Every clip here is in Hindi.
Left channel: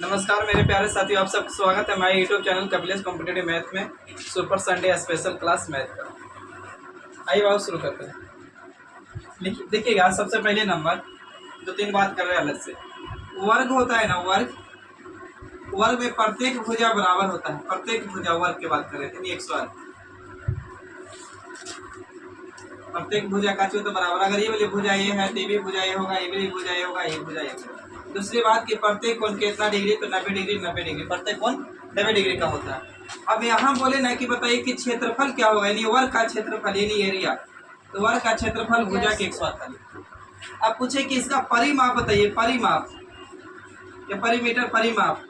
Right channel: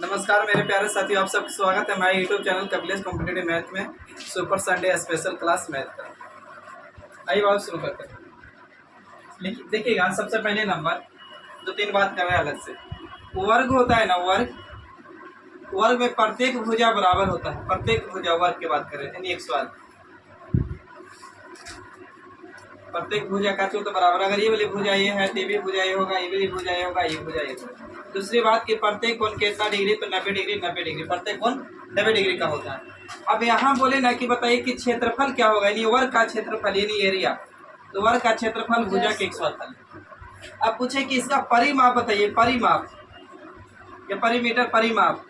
नमस्कार मेरे प्यारे साथियों, आप सबका स्वागत है हमारे YouTube channel Kapilesh competitive math में super Sunday special class math का। आइए बाबू शुरू करते हैं। देखिएगा, सबसे पहले नंबर दो तीन बात कर रहे हैं अलग से। वर्ग होता है ना, वर्ग में प्रत्येक भुजा बराबर होता है। प्रत्येक भुजा वर्ग की बात करें यानी 108, प्रत्येक भुजा का तो बराबर। अगर ये वाली भुजा ये है तो ये भी भुजा ये होगा, ये भी भुजा ये होगा, ये भुजा ये होगा। दूसरी बात कि प्रत्येक कोण कितना डिग्री, तो 90 डिग्री 90 डिग्री, प्रत्येक कोण 90 डिग्री का होता है। अब यहाँ बोले ना कि बताइए कि क्षेत्रफल क्या होगा, यानी वर्ग का क्षेत्रफल यानी एरिया। तो वर्ग का क्षेत्रफल भुजा के 108। अब पूछे कि इसका परिमाप बताइए, परिमाप या परिमीटर परिमाप।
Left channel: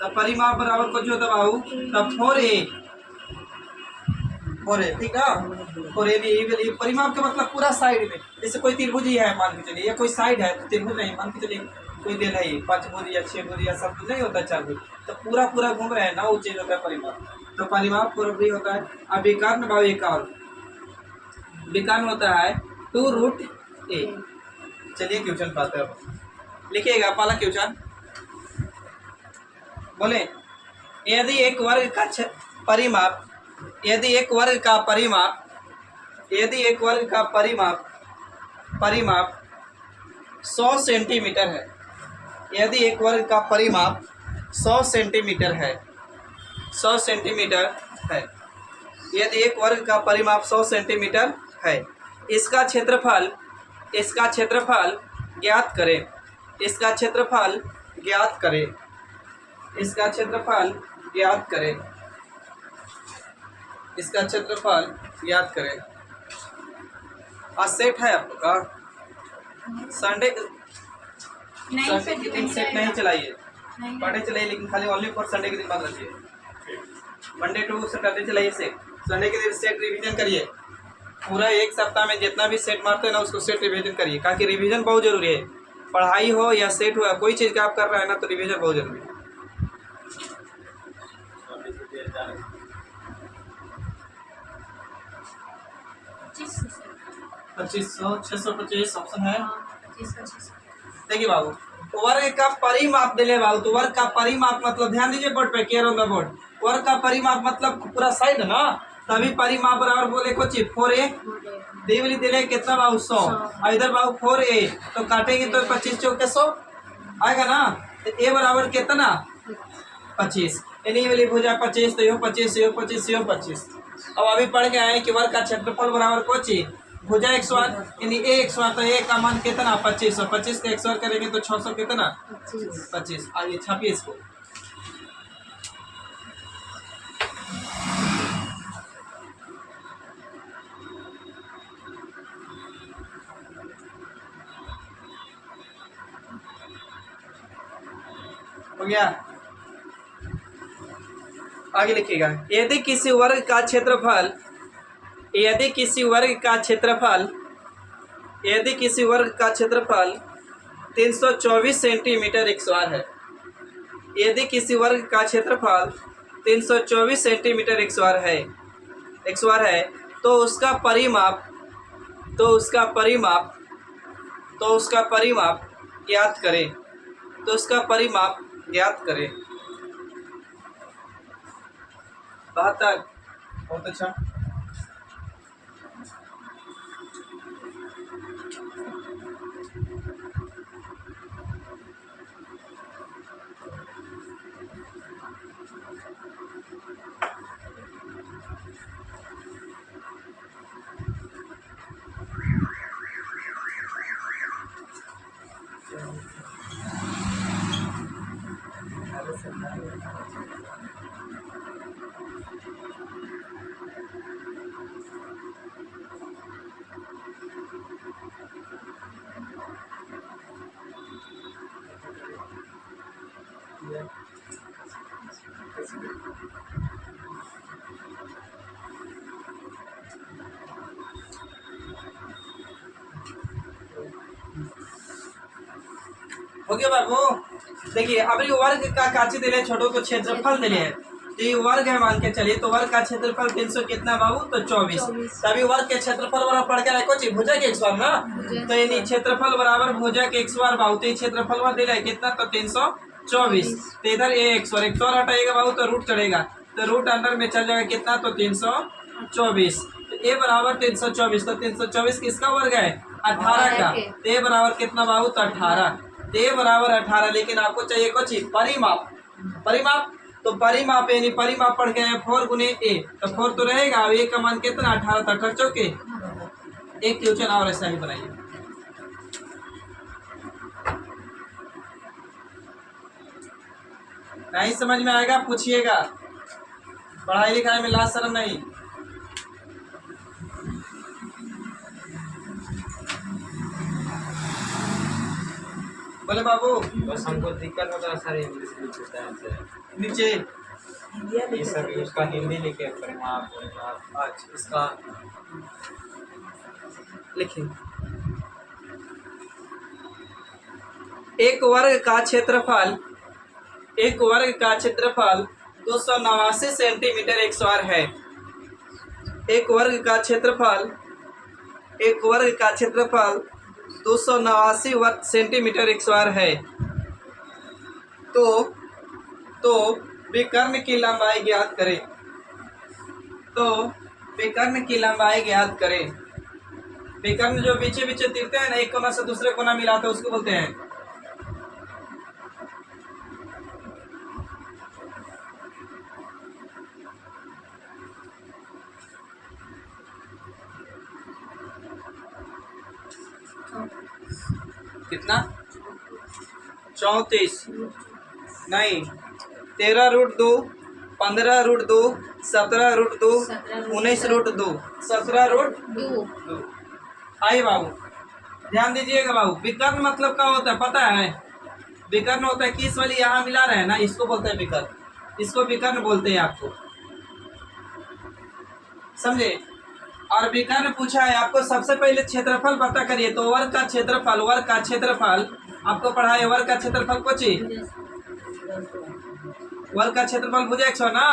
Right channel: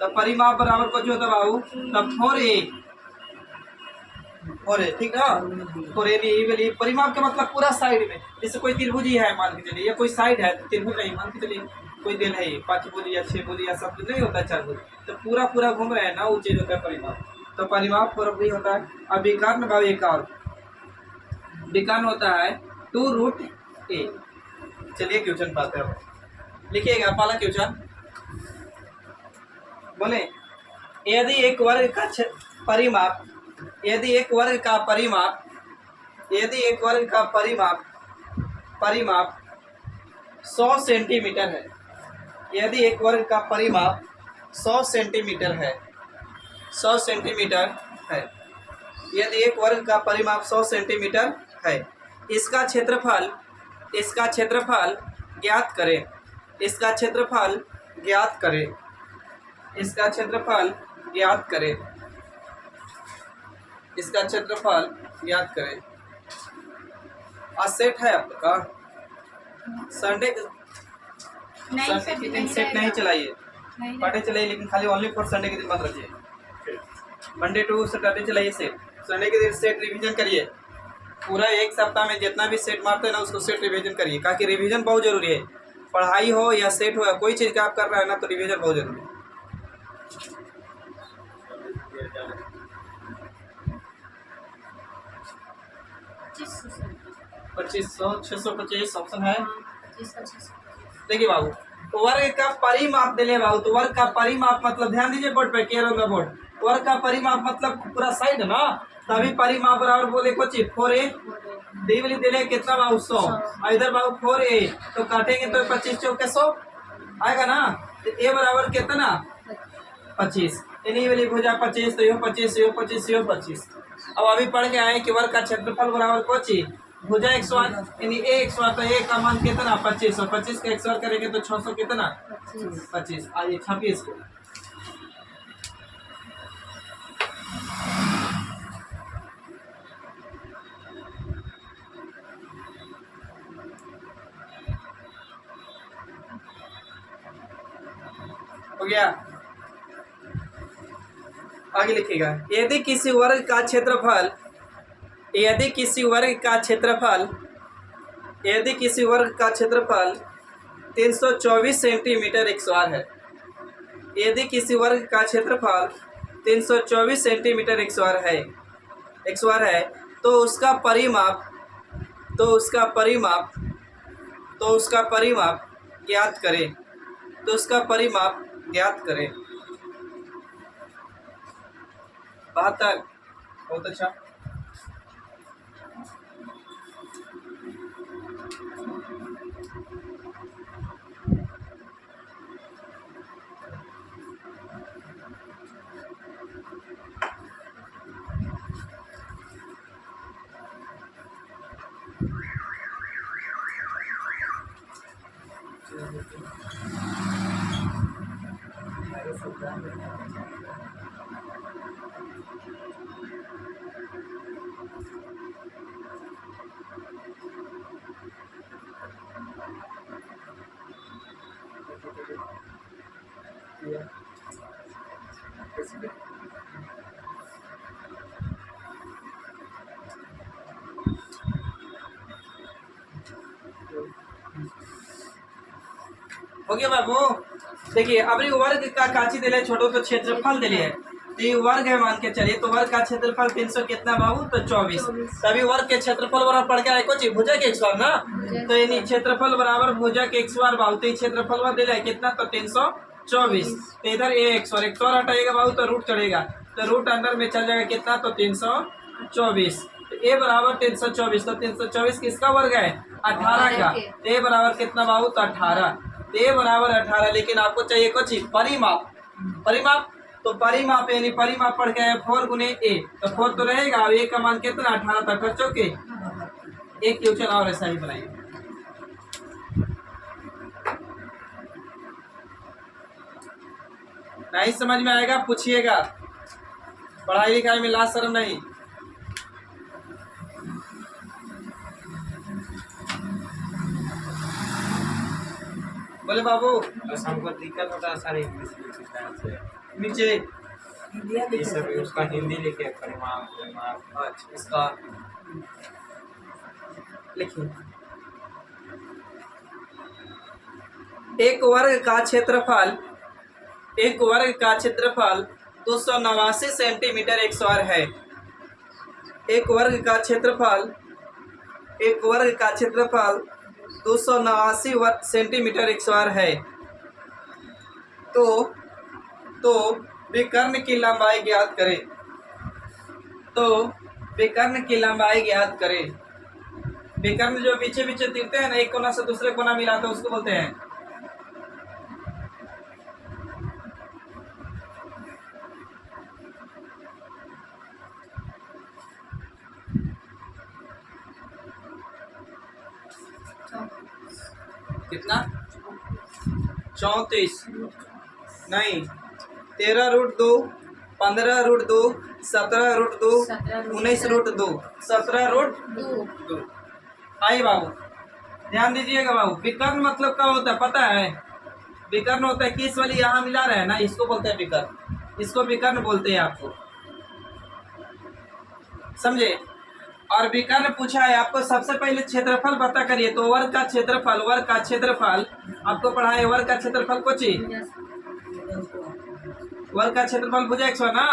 तो परिमाप बराबर कुछ होता है बाबू, तब 4a ठीक है। परिमाप का मतलब पूरा साइड में, जैसे कोई त्रिभुज ही है मान के चलिए, या कोई साइड है तो त्रिभुज नहीं मान के चलिए, कोई दिल है 5 भुज या 6 भुज या 7 भुज नहीं होता, 4 भुज, तो पूरा घूम रहे हैं ना, वो चीज होता है परिमाप। तो परिमाप पूरा भी होता है। अब विकर्ण में बाबू एक और विकर्ण होता है 2√a। चलिए क्वेश्चन पाते हैं, लिखिएगा पहला क्वेश्चन। बोले यदि एक वर्ग का परिमाप, यदि एक वर्ग का परिमाप, यदि एक वर्ग का परिमाप 100 सेंटीमीटर है, यदि एक वर्ग का परिमाप 100 सेंटीमीटर है, 100 सेंटीमीटर है, यदि एक वर्ग का परिमाप 100 सेंटीमीटर है, इसका क्षेत्रफल ज्ञात करें। इसका क्षेत्रफल ज्ञात करें। इसका क्षेत्रफल ज्ञात करें। इसका क्षेत्रफल ज्ञात करें। आज सेट है आपका संडे के दिन सेट नहीं चलाइए, पढ़े चलाइए, लेकिन खाली ओनली फॉर संडे के दिन बंद रखिए। मंडे टू सैटरडे चलाइए सेट, संडे के दिन सेट रिवीजन करिए। पूरा एक सप्ताह में जितना भी सेट मारते हैं ना, उसको सेट रिवीजन करिए, ताकि रिवीजन बहुत जरूरी है। पढ़ाई हो या सेट हो या कोई चीज़ का आप कर रहे हैं ना, तो रिवीजन बहुत जरूरी है। 2500 625 ऑप्शन है। देखिए बाबू, वर्ग का परिमाप दिले बाबू, तो वर्ग का परिमाप मतलब ध्यान दीजिए बोर्ड पे, केयर ऑन द बोर्ड। वर्ग का परिमाप मतलब पूरा साइड ना, तभी परिमाप बराबर बोले कुछ 4a देवली दिले कितना बाबू 100, और इधर बाबू 4a, तो काटेंगे तो 25 चौके 100 आएगा ना। तो a बराबर कितना 25, यानी वाली भुजा 25, तो यो 25 यो 25 यो 25। अब अभी पढ़ के आए कि वर्ग का क्षेत्रफल बराबर कुछ भुजा 108, यानी a 108, तो a का मान कितना 25, 25 का 108 करेंगे तो 600 कितना 25। आइए छापिए इसको। हो गया, आगे लिखिएगा। यदि किसी वर्ग का क्षेत्रफल, यदि किसी वर्ग का क्षेत्रफल, यदि किसी वर्ग का क्षेत्रफल 324 सेंटीमीटर x² है, यदि किसी वर्ग का क्षेत्रफल 324 सेंटीमीटर x² है, तो उसका परिमाप, तो उसका परिमाप ज्ञात करें। तो उसका परिमाप ज्ञात करें। 72, बहुत अच्छा। हो गया बाबू। देखिए अब वर्ग का काची दिले छोटो, तो क्षेत्रफल दिले है, तो ये वर्ग है मान के चलिए, तो वर्ग का क्षेत्रफल 300 कितना बाबू, तो 24। तभी वर्ग के क्षेत्रफल बराबर पड़ गया कुछ भुजा के x² ना, तो यानी क्षेत्रफल बराबर भुजा के x² बाबू, तो क्षेत्रफल में दे रहा है कितना, तो 324। तो इधर x और एक तो हटाएगा बाबू तो रूट चढ़ेगा, तो रूट अंदर में चल जाएगा कितना, तो 324। तो a बराबर 324, तो 324 किसका वर्ग है, 18 का। तो a बराबर कितना बाबू, तो 18। तो a बराबर 18, लेकिन आपको चाहिए कुछ परिमाप। परिमाप तो परिमाप यानी परिमाप पढ़ के आए 4 गुने a, तो 4 तो रहेगा। अब a का मान कितना, 18, तो 18 चौके एक क्वेश्चन और ऐसा ही बनाइए। नहीं समझ में आएगा पूछिएगा, पढ़ाई लिखाई में लाज शर्म नहीं। बोले बाबू, बस हमको दिक्कत होता है सारे इंग्लिश नीचे ये सब उसका हिंदी लिखे परिमाप परिमाप। अच्छा इसका लिखिए, एक वर्ग का क्षेत्रफल 289 सेंटीमीटर x² है। एक वर्ग का क्षेत्रफल 289 सेंटीमीटर x² है। तो विकर्ण की लंबाई ज्ञात करें। विकर्ण जो पीछे पीछे तिरते हैं ना, एक कोना से दूसरे कोना मिलाते हैं, उसको बोलते हैं कितना, 34 नहीं, 13√2, 15√2, 17√2, 19√2, 17√2। आई बाबू ध्यान दीजिएगा बाबू, विकर्ण मतलब क्या होता है पता है? विकर्ण होता है किस वाली यहाँ मिला रहे हैं ना, इसको बोलते हैं विकर्ण। इसको विकर्ण बोलते हैं आपको, समझे। और विकर्ण पूछा है आपको, सबसे पहले क्षेत्रफल पता करिए। तो वर्ग का क्षेत्रफल आपको पढ़ा है। वर्ग का क्षेत्रफल कुछ वर्ग का क्षेत्रफल भुजा 100 ना,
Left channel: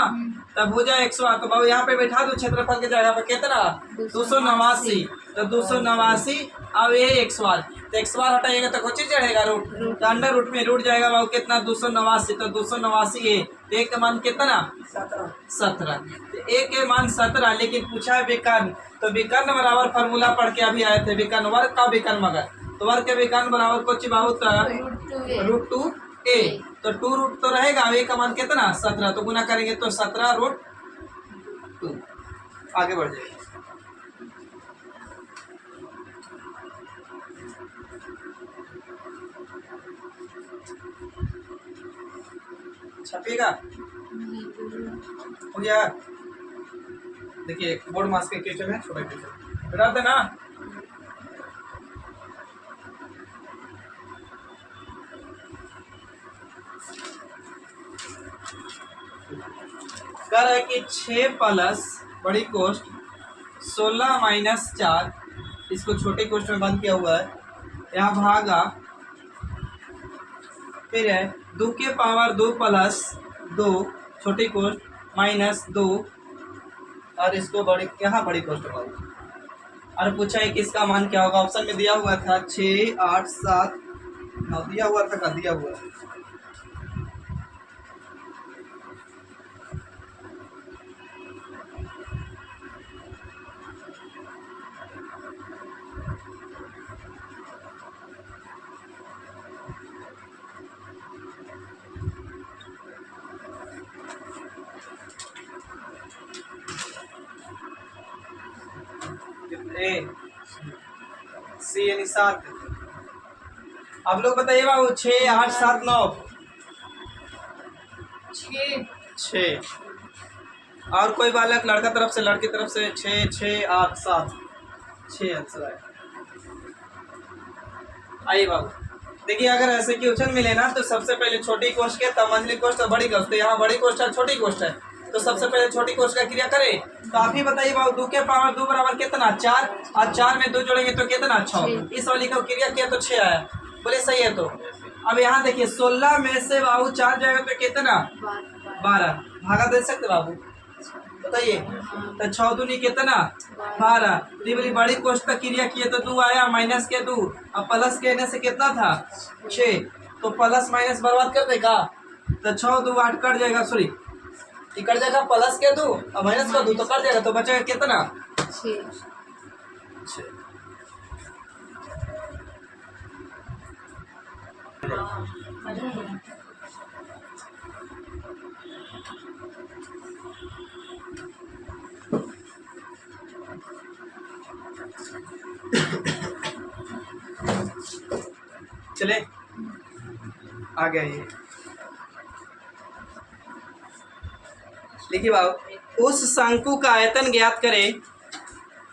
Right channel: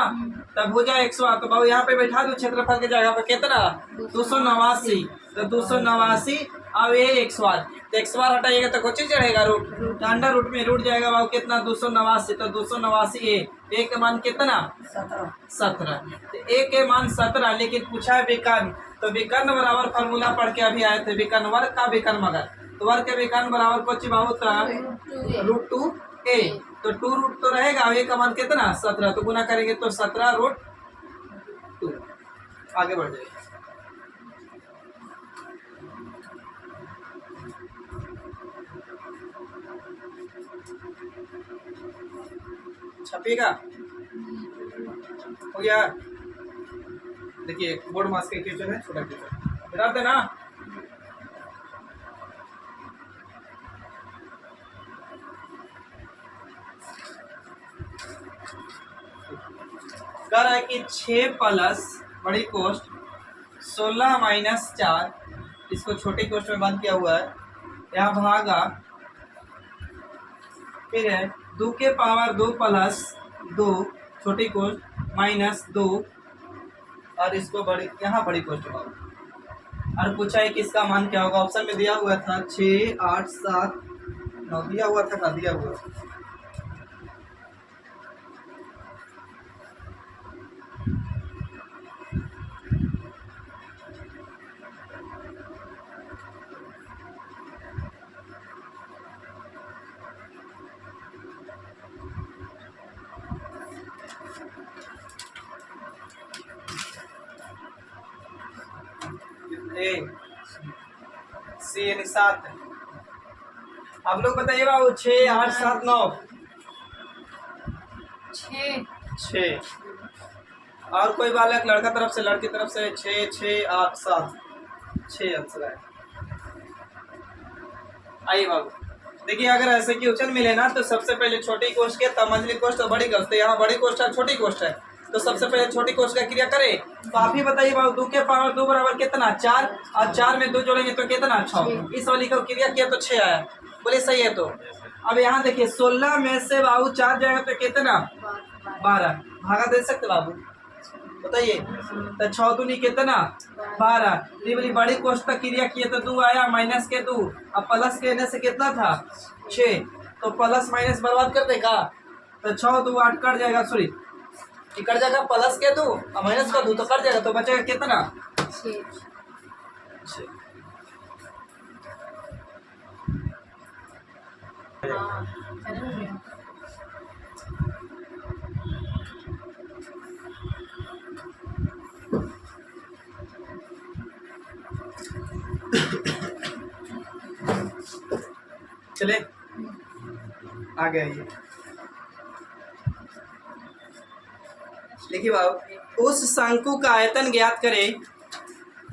तब भुजा 100, तो बाबू यहाँ पे बैठा दो क्षेत्रफल के जगह पे कितना, 289। तो 289 अब ये x², तो x² हटाइएगा तो कुछ चढ़ेगा रूट, तो अंडर रूट में रूट जाएगा बाबू कितना, 289। तो 289 a, a का मान कितना, 17। तो a के मान 17, लेकिन पूछा है विकर्ण। तो विकर्ण बराबर फार्मूला पढ़ के अभी आए थे, विकर्ण वर्ग का विकर्ण मगर, तो वर्ग के विकर्ण बराबर कुछ बाबू √2a। तो 2 रूट तो रहेगा, a का मान कितना, 17, तो गुना करेंगे तो 17√2। आगे बढ़ जाएगा, छपिएगा, हो गया। देखिए बोर्ड मास के क्वेश्चन है, छोटा क्वेश्चन बता देना। कह रहा है कि 6 प्लस बड़ी कोष्ट 16 माइनस 4, इसको छोटे कोष्ट में बंद किया हुआ है, यहाँ भागा, फिर है 2 के पावर 2 प्लस 2 छोटी कोष्ट माइनस 2, और इसको बड़ी यहाँ बड़ी कोष्ट होगा। और पूछा है कि इसका मान क्या होगा। ऑप्शन में दिया हुआ था 6, 8, 7, 9 दिया हुआ था, दिया हुआ है। सी यानी 7। आप लोग बताइए बाबू, 6, 8, 7, 9, 6। और कोई बालक, लड़का तरफ से लड़की तरफ से 6, 6, 8, 7, 6 आंसर है। आइए बाबू देखिए, अगर ऐसे क्वेश्चन मिले ना, तो सबसे पहले छोटी कोष्ट के, तब मंझली कोष्ट, तो बड़ी कोष्ट। तो यहाँ बड़ी कोष्ट है, छोटी कोष्ट है, तो सबसे पहले छोटी कोष्ट का क्रिया करें। तो आप ही बताइए बाबू, 2 के पावर 2 बराबर कितना, 4, और 4 में 2 जोड़ेंगे तो कितना, 6। इस वाली का क्रिया किया तो 6 आया, बोले सही है। तो अब यहाँ देखिए 16 में से बाबू 4 जाएगा तो कितना 12 भागा दे सकते बाबू बताइए। तो 6 दूनी कितना 12। ये वाली बड़ी कोष्टक क्रिया किए तो 2 आया माइनस के 2 अब प्लस के ने से कितना था 6 तो प्लस माइनस बर्बाद कर देगा। तो 6 2 8 कट जाएगा सॉरी ये कट जाएगा प्लस के 2 और माइनस का 2 तो कट जाएगा तो बचेगा कितना 6। चले आ गया ये देखिए बाबू उस शंकु का आयतन ज्ञात करें।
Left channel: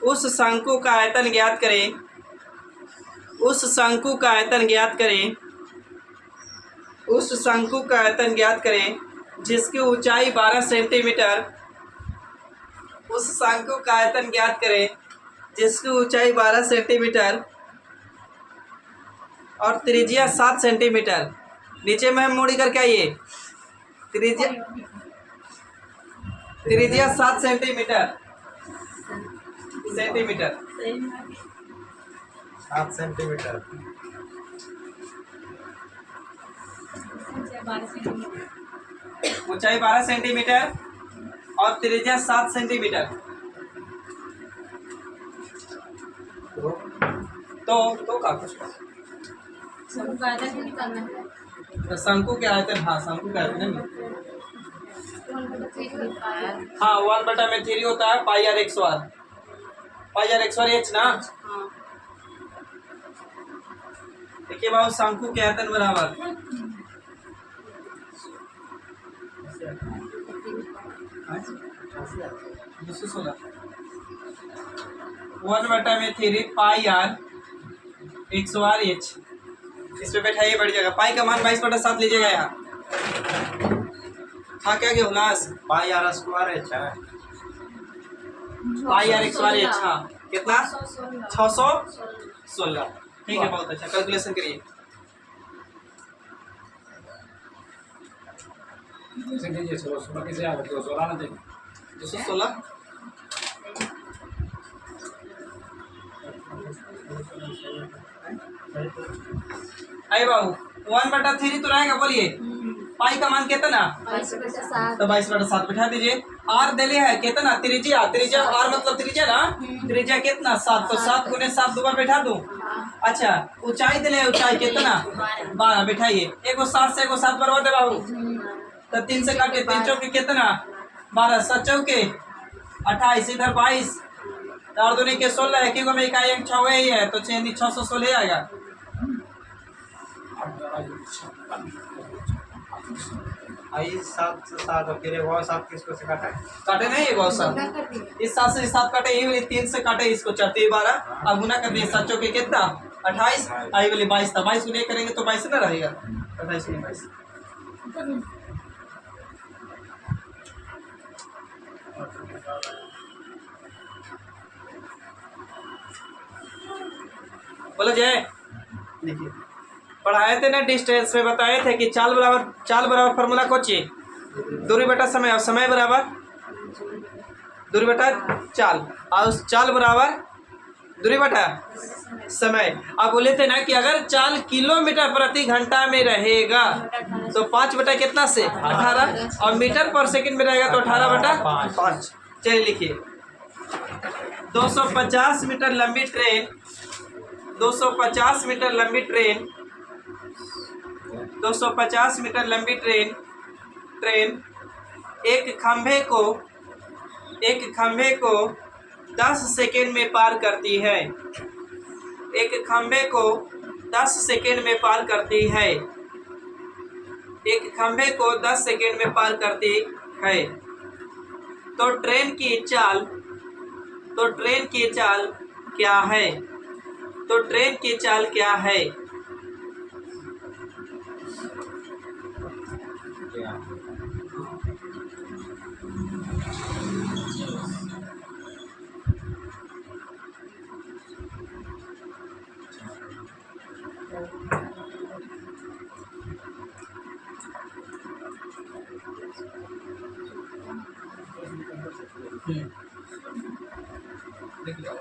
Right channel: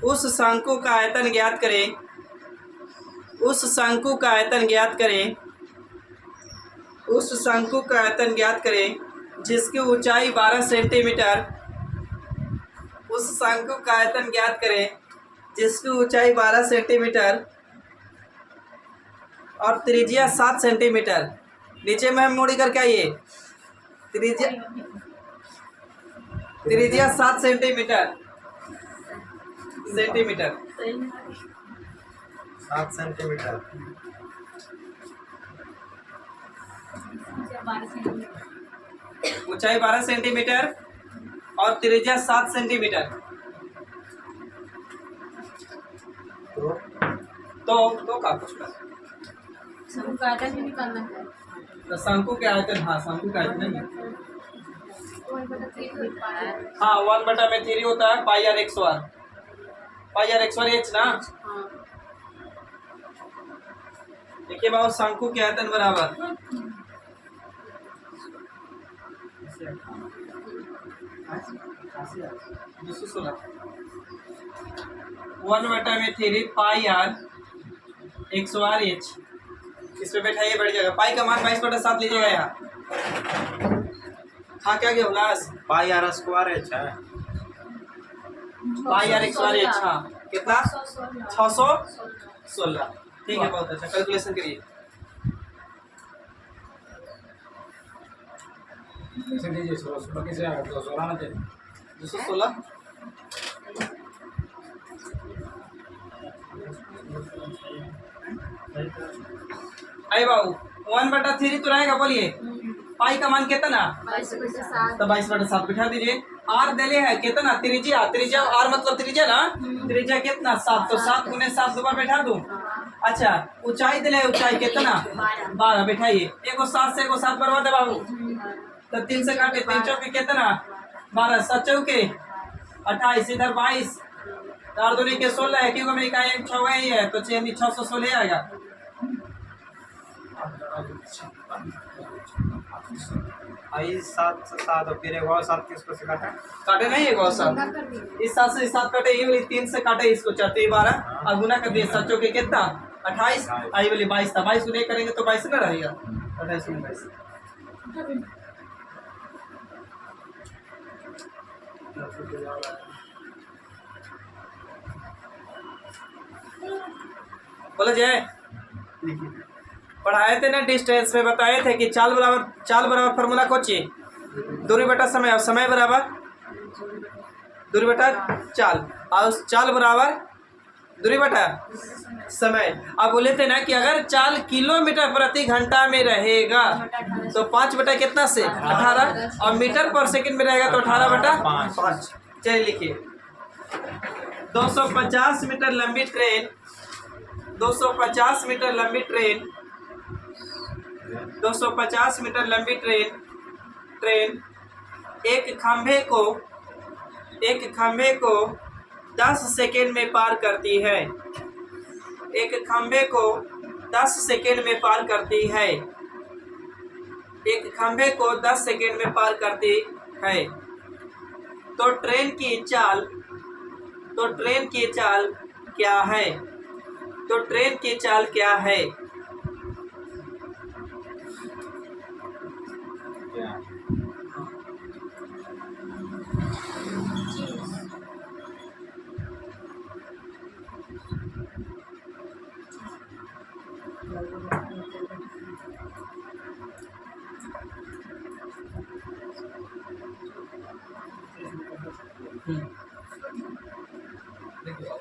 उस शंकु का आयतन ज्ञात करें। उस शंकु का आयतन ज्ञात करें। उस शंकु का आयतन ज्ञात करें जिसकी ऊंचाई 12 सेंटीमीटर। उस शंकु का आयतन ज्ञात करें जिसकी ऊंचाई 12 सेंटीमीटर और त्रिज्या 7 सेंटीमीटर। नीचे में हम मोड़ी करके आइए त्रिज्या 7 सेंटीमीटर 7 सेंटीमीटर ऊंचाई 12 सेंटीमीटर और त्रिज्या 7 सेंटीमीटर। तो का कुछ शंकु का आयतन भी निकालना है। तो शंकु के आयतन हाँ शंकु का आयतन नहीं हाँ 1/3 होता है पाई आर एक्स वार एच ना। देखिए बाबू शंकु के आयतन बराबर 216 1/3 पाई आर एक्स वार एच। इस पे बैठाइए बढ़ जाएगा। पाई का मान 22/7 लीजिएगा यहाँ। हाँ क्या गया उल्लास पाई आर स्क्वायर एच है पाई आर एक्स वार एच हाँ कितना 616। ठीक है बहुत अच्छा कैलकुलेशन करिए। लीजिए 16 कैसे आ गया 16 ना दे 216 आई बाबू 1/3 तो रहेगा बोलिए। पाई का मान कितना तो 22/7 बिठा दीजिए। आर दिले है कितना त्रिज्या आर मतलब त्रिज्या ना त्रिज्या कितना 7 तो 7 गुने 7 दोबारा बैठा दूं। अच्छा ऊंचाई दिले ऊंचाई कितना 12 बिठाइए। एगो 7 से एगो 7 बराबर दे बाबू तो 3 से काटे 3 चौके कितना 12 7 चौके 28 इधर 22 4 दूनी के 16 है क्योंकि में का एक 6 ही है तो 616 आएगा। आई 7 से 7 और फिर एक और 7 किसको से काटे काटे नहीं एक और 7 इस 7 से 7 काटे ये वाली 3 से काटे इसको 4 12 अब गुना कर दिए 7 चौके कितना 28 आई वाली 22 था 22 गुने करेंगे तो 22 ना रहेगा 28 गुने 22। बोलो जय देखिए पढ़ाए थे ना डिस्टेंस में बताए थे कि चाल बराबर फार्मूला कोची दूरी बटा समय और समय बराबर दूरी बटा चाल और उस चाल बराबर दूरी बटा समय। अब बोले थे ना कि अगर चाल किलोमीटर प्रति घंटा में रहेगा तो 5 बटा कितना से 18 और मीटर पर सेकंड में रहेगा तो 18/5। चलिए लिखिए 250 मीटर लंबी ट्रेन 250 मीटर लंबी ट्रेन 250 मीटर लंबी ट्रेन एक खंभे को 10 सेकेंड में पार करती है। एक खंभे को 10 सेकेंड में पार करती है। एक खंभे को 10 सेकेंड में पार करती है। तो ट्रेन की चाल क्या है। तो ट्रेन की चाल क्या है। क्या देखिए बाबू,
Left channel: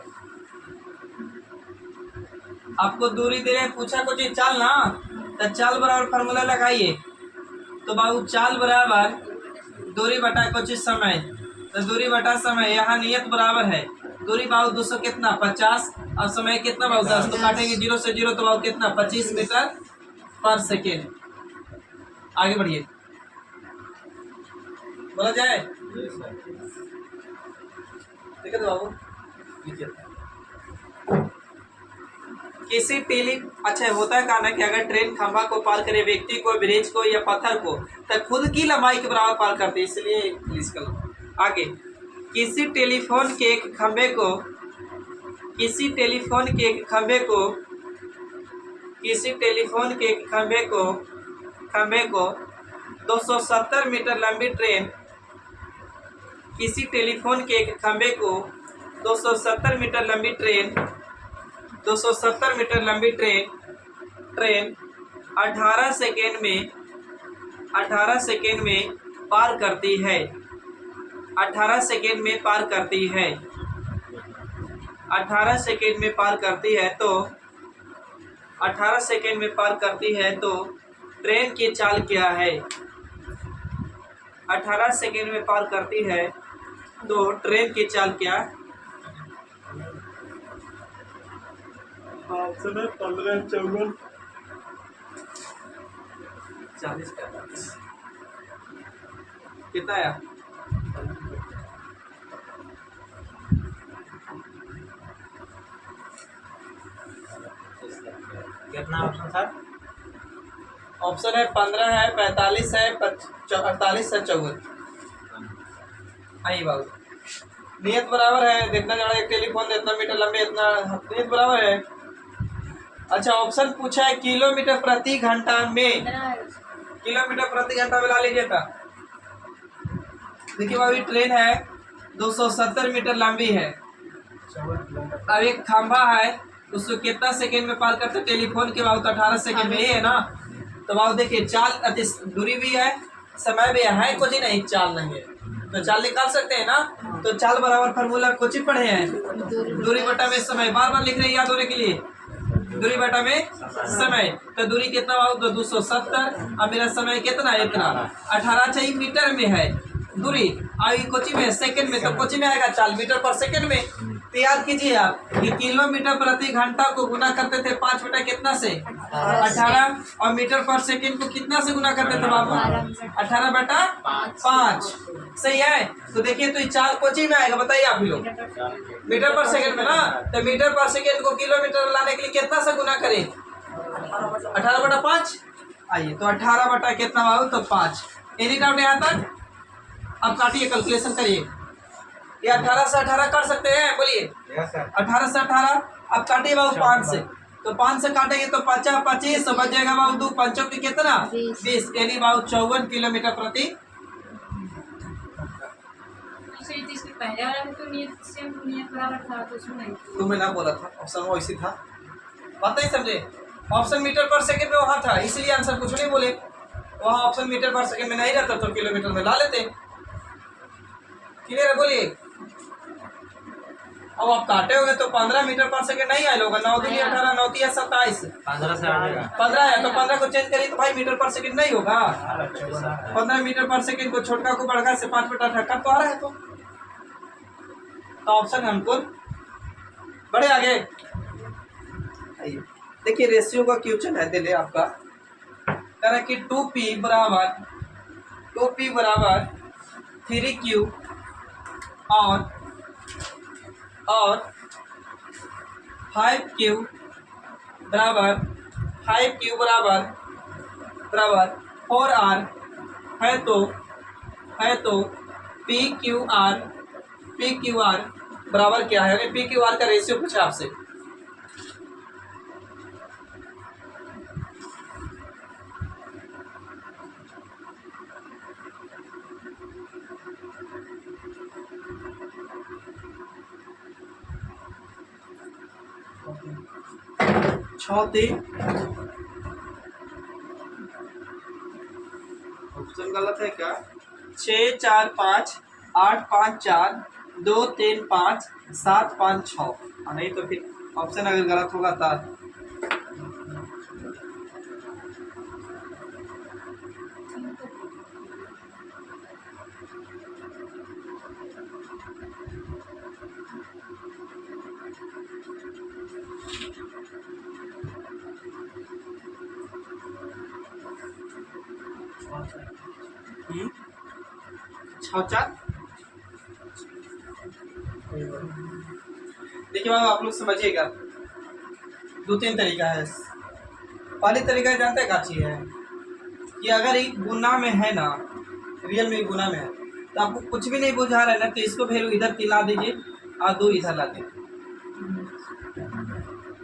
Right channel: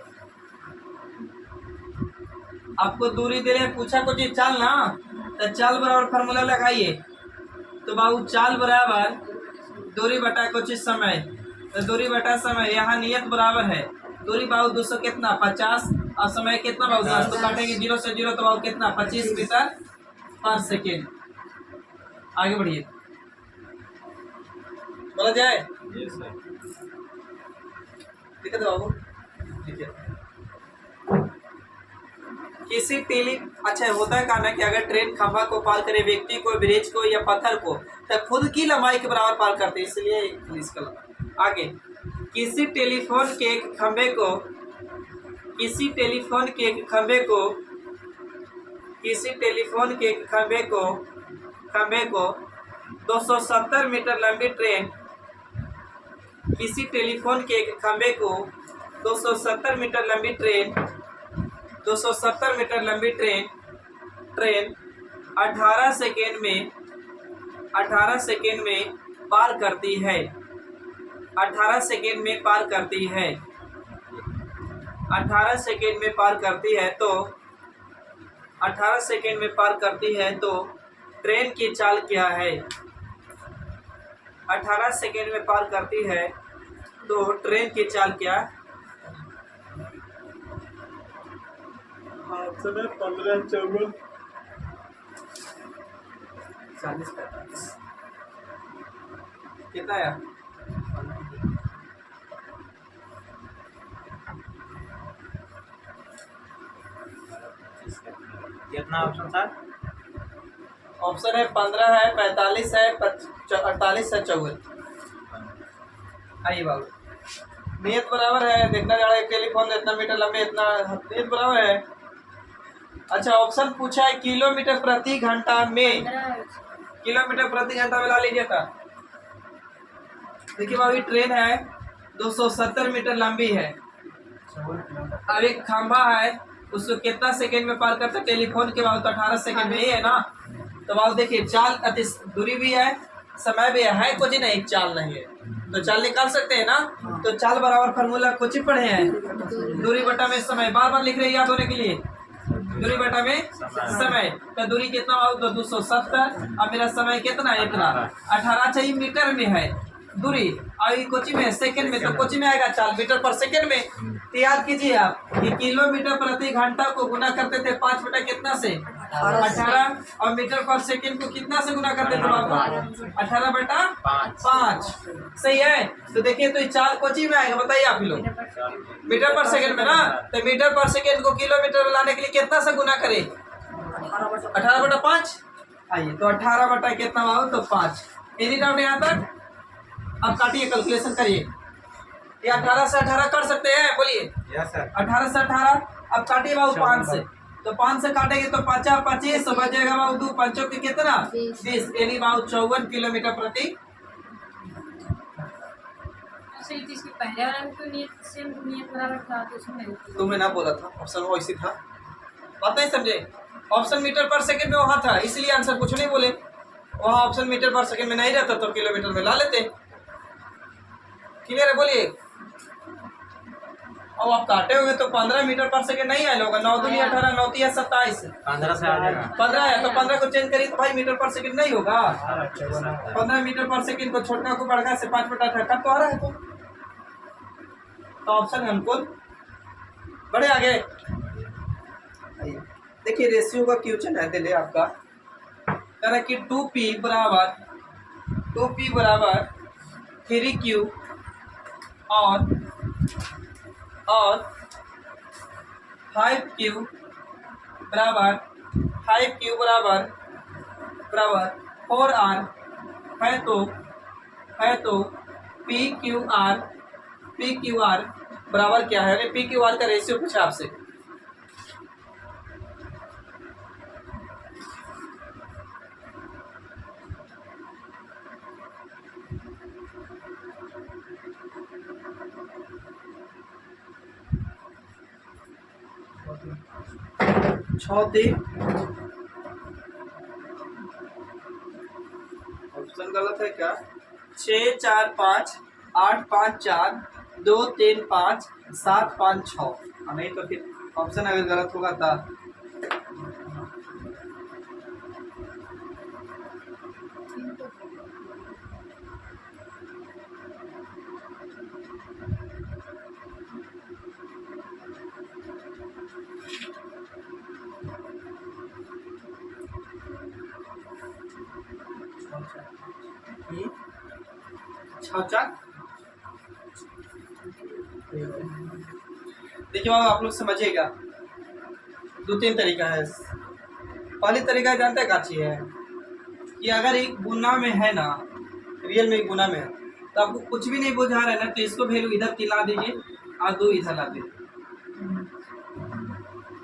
आपको दूरी दे रहे हैं, पूछा कुछ चाल ना, तो चाल बराबर फार्मूला लगाइए। तो बाबू चाल बराबर दूरी बटा कुछ समय, तो दूरी बटा समय, यहाँ नियत बराबर है दूरी बाबू 200 कितना 50 और समय कितना बाबू 10, तो काटेंगे 0 से 0 तो बाबू कितना 25 मीटर पर सेकेंड। आगे बढ़िए, बोला जाए यस सर। ठीक है बाबू, लिखिए। किसी टेली अच्छा होता है कहना कि अगर ट्रेन खंभा को पार करे, व्यक्ति को, ब्रिज को या पत्थर को, तो खुद की लंबाई के बराबर पार करते हैं, इसलिए इंग्लिश का लंबाई। आगे, किसी टेलीफोन के एक खंभे को, किसी टेलीफोन के एक खंभे को, किसी टेलीफोन के एक खंभे को 270 मीटर लंबी ट्रेन, किसी टेलीफोन के एक खंभे को 270 मीटर लंबी ट्रेन, 270 मीटर लंबी ट्रेन 18 सेकेंड में पार करती है, 18 सेकेंड में पार करती है, 18 सेकेंड में पार करती है, तो 18 सेकेंड में पार करती है तो ट्रेन की चाल क्या है? 18 सेकेंड में पार करती है तो ट्रेन की चाल क्या? ऑप्शन है 15, 14, 40, 45 कितना आया? कितना ऑप्शन था? ऑप्शन है 15 है, 45 है, 48 है, 54। आइए बाबू, नियत बराबर है, देखना जा रहा है टेलीफोन इतना मीटर लंबे, इतना नियत बराबर है। अच्छा, ऑप्शन पूछा है किलोमीटर प्रति घंटा में, किलोमीटर प्रति घंटा में ला लीजिए था। देखिए बाबू, ट्रेन है 270 मीटर लंबी है, अब एक खंभा है, उसको कितना सेकंड में पार करते? टेलीफोन के बाबू तो 18 सेकंड में ही है ना। तो बाबू देखिए, चाल अति दूरी भी है, समय भी है कुछ ही नहीं, चाल नहीं है, तो चाल निकाल सकते हैं ना। तो चाल बराबर फार्मूला कुछ ही पढ़े हैं, दूरी बटा में समय, बार बार लिख रहे हैं याद होने के लिए, दूरी बटा में समय। तो दूरी कितना बाबू? तो 270, और मेरा समय कितना है? इतना 18 चाहिए, मीटर में है दूरी, और ये कोची में सेकंड में, तो कोची में आएगा चाल मीटर पर सेकंड में। तो याद कीजिए आप कि किलोमीटर प्रति घंटा को गुना करते थे 5 बटा कितना से? 18, और मीटर पर सेकंड को कितना से गुना करते थे बाबू? 18 बटा 5। सही है। तो देखिए, तो ये चाल कोची में आएगा, बताइए आप ही लोग, मीटर पर सेकंड में ना। तो मीटर पर सेकंड को किलोमीटर में लाने के लिए कितना से गुना करें? 18 बटा 5। आइए, तो 18 बटा कितना बाबू? तो 5। एनी डाउट यहाँ तक? अब काटिए, कैलकुलेशन करिए, ये 18 से 18 कर सकते हैं, बोलिए। Yes sir. 18 से 18, अब काटिए बाबू 5 से, तो 5 से काटेंगे तो 5 25, तो बच जाएगा बाबू 2 5 की कितना? 20, यानी बाबू 54 किलोमीटर प्रति। अच्छा, ये तो इसके पहले वाला भी तो नियत सेम नियत बराबर था, तो उसमें नहीं थी। तुम्हें ना बोला था, ऑप्शन वो इसी था, बात नहीं समझे? ऑप्शन मीटर पर सेकंड में वहाँ था, इसलिए आंसर कुछ नहीं बोले। वहाँ ऑप्शन मीटर पर सेकंड में नहीं रहता तो किलोमीटर में ला लेते। क्लियर है, बोलिए। अब आप काटे होंगे तो 15 मीटर पर सेकंड नहीं आया होगा, 9 दूनी 18, 9 तिया 27, 15 से आएगा। 15 है, तो 15 को चेंज करिए तो भाई मीटर पर सेकंड नहीं होगा। 15 मीटर पर सेकंड को छोटका को बड़का से 5 बटा 18 तो आ रहा है, तो ऑप्शन है हमको बड़े आगे। आइए देखिए, रेशियो का क्वेश्चन है, दे आपका कह रहा कि 2p बराबर 3q और 5q बराबर 4r है तो PQR बराबर क्या है? PQR का रेशियो पूछा आपसे। ऑप्शन गलत है क्या? 6 4 5 8 5 4 2 3 5 7 5 6। नहीं तो फिर ऑप्शन अगर गलत होगा तब। छाछा देखिए बाबू, आप लोग समझिएगा, दो तीन तरीका है। पहली तरीका जानते हैं क्या चीज है कि अगर एक गुना में है ना, रियल में गुना में है, तो आपको कुछ भी नहीं बुझा रहा है ना, तो इसको वैल्यू इधर की ला दीजिए और 2 इधर ला दीजिए,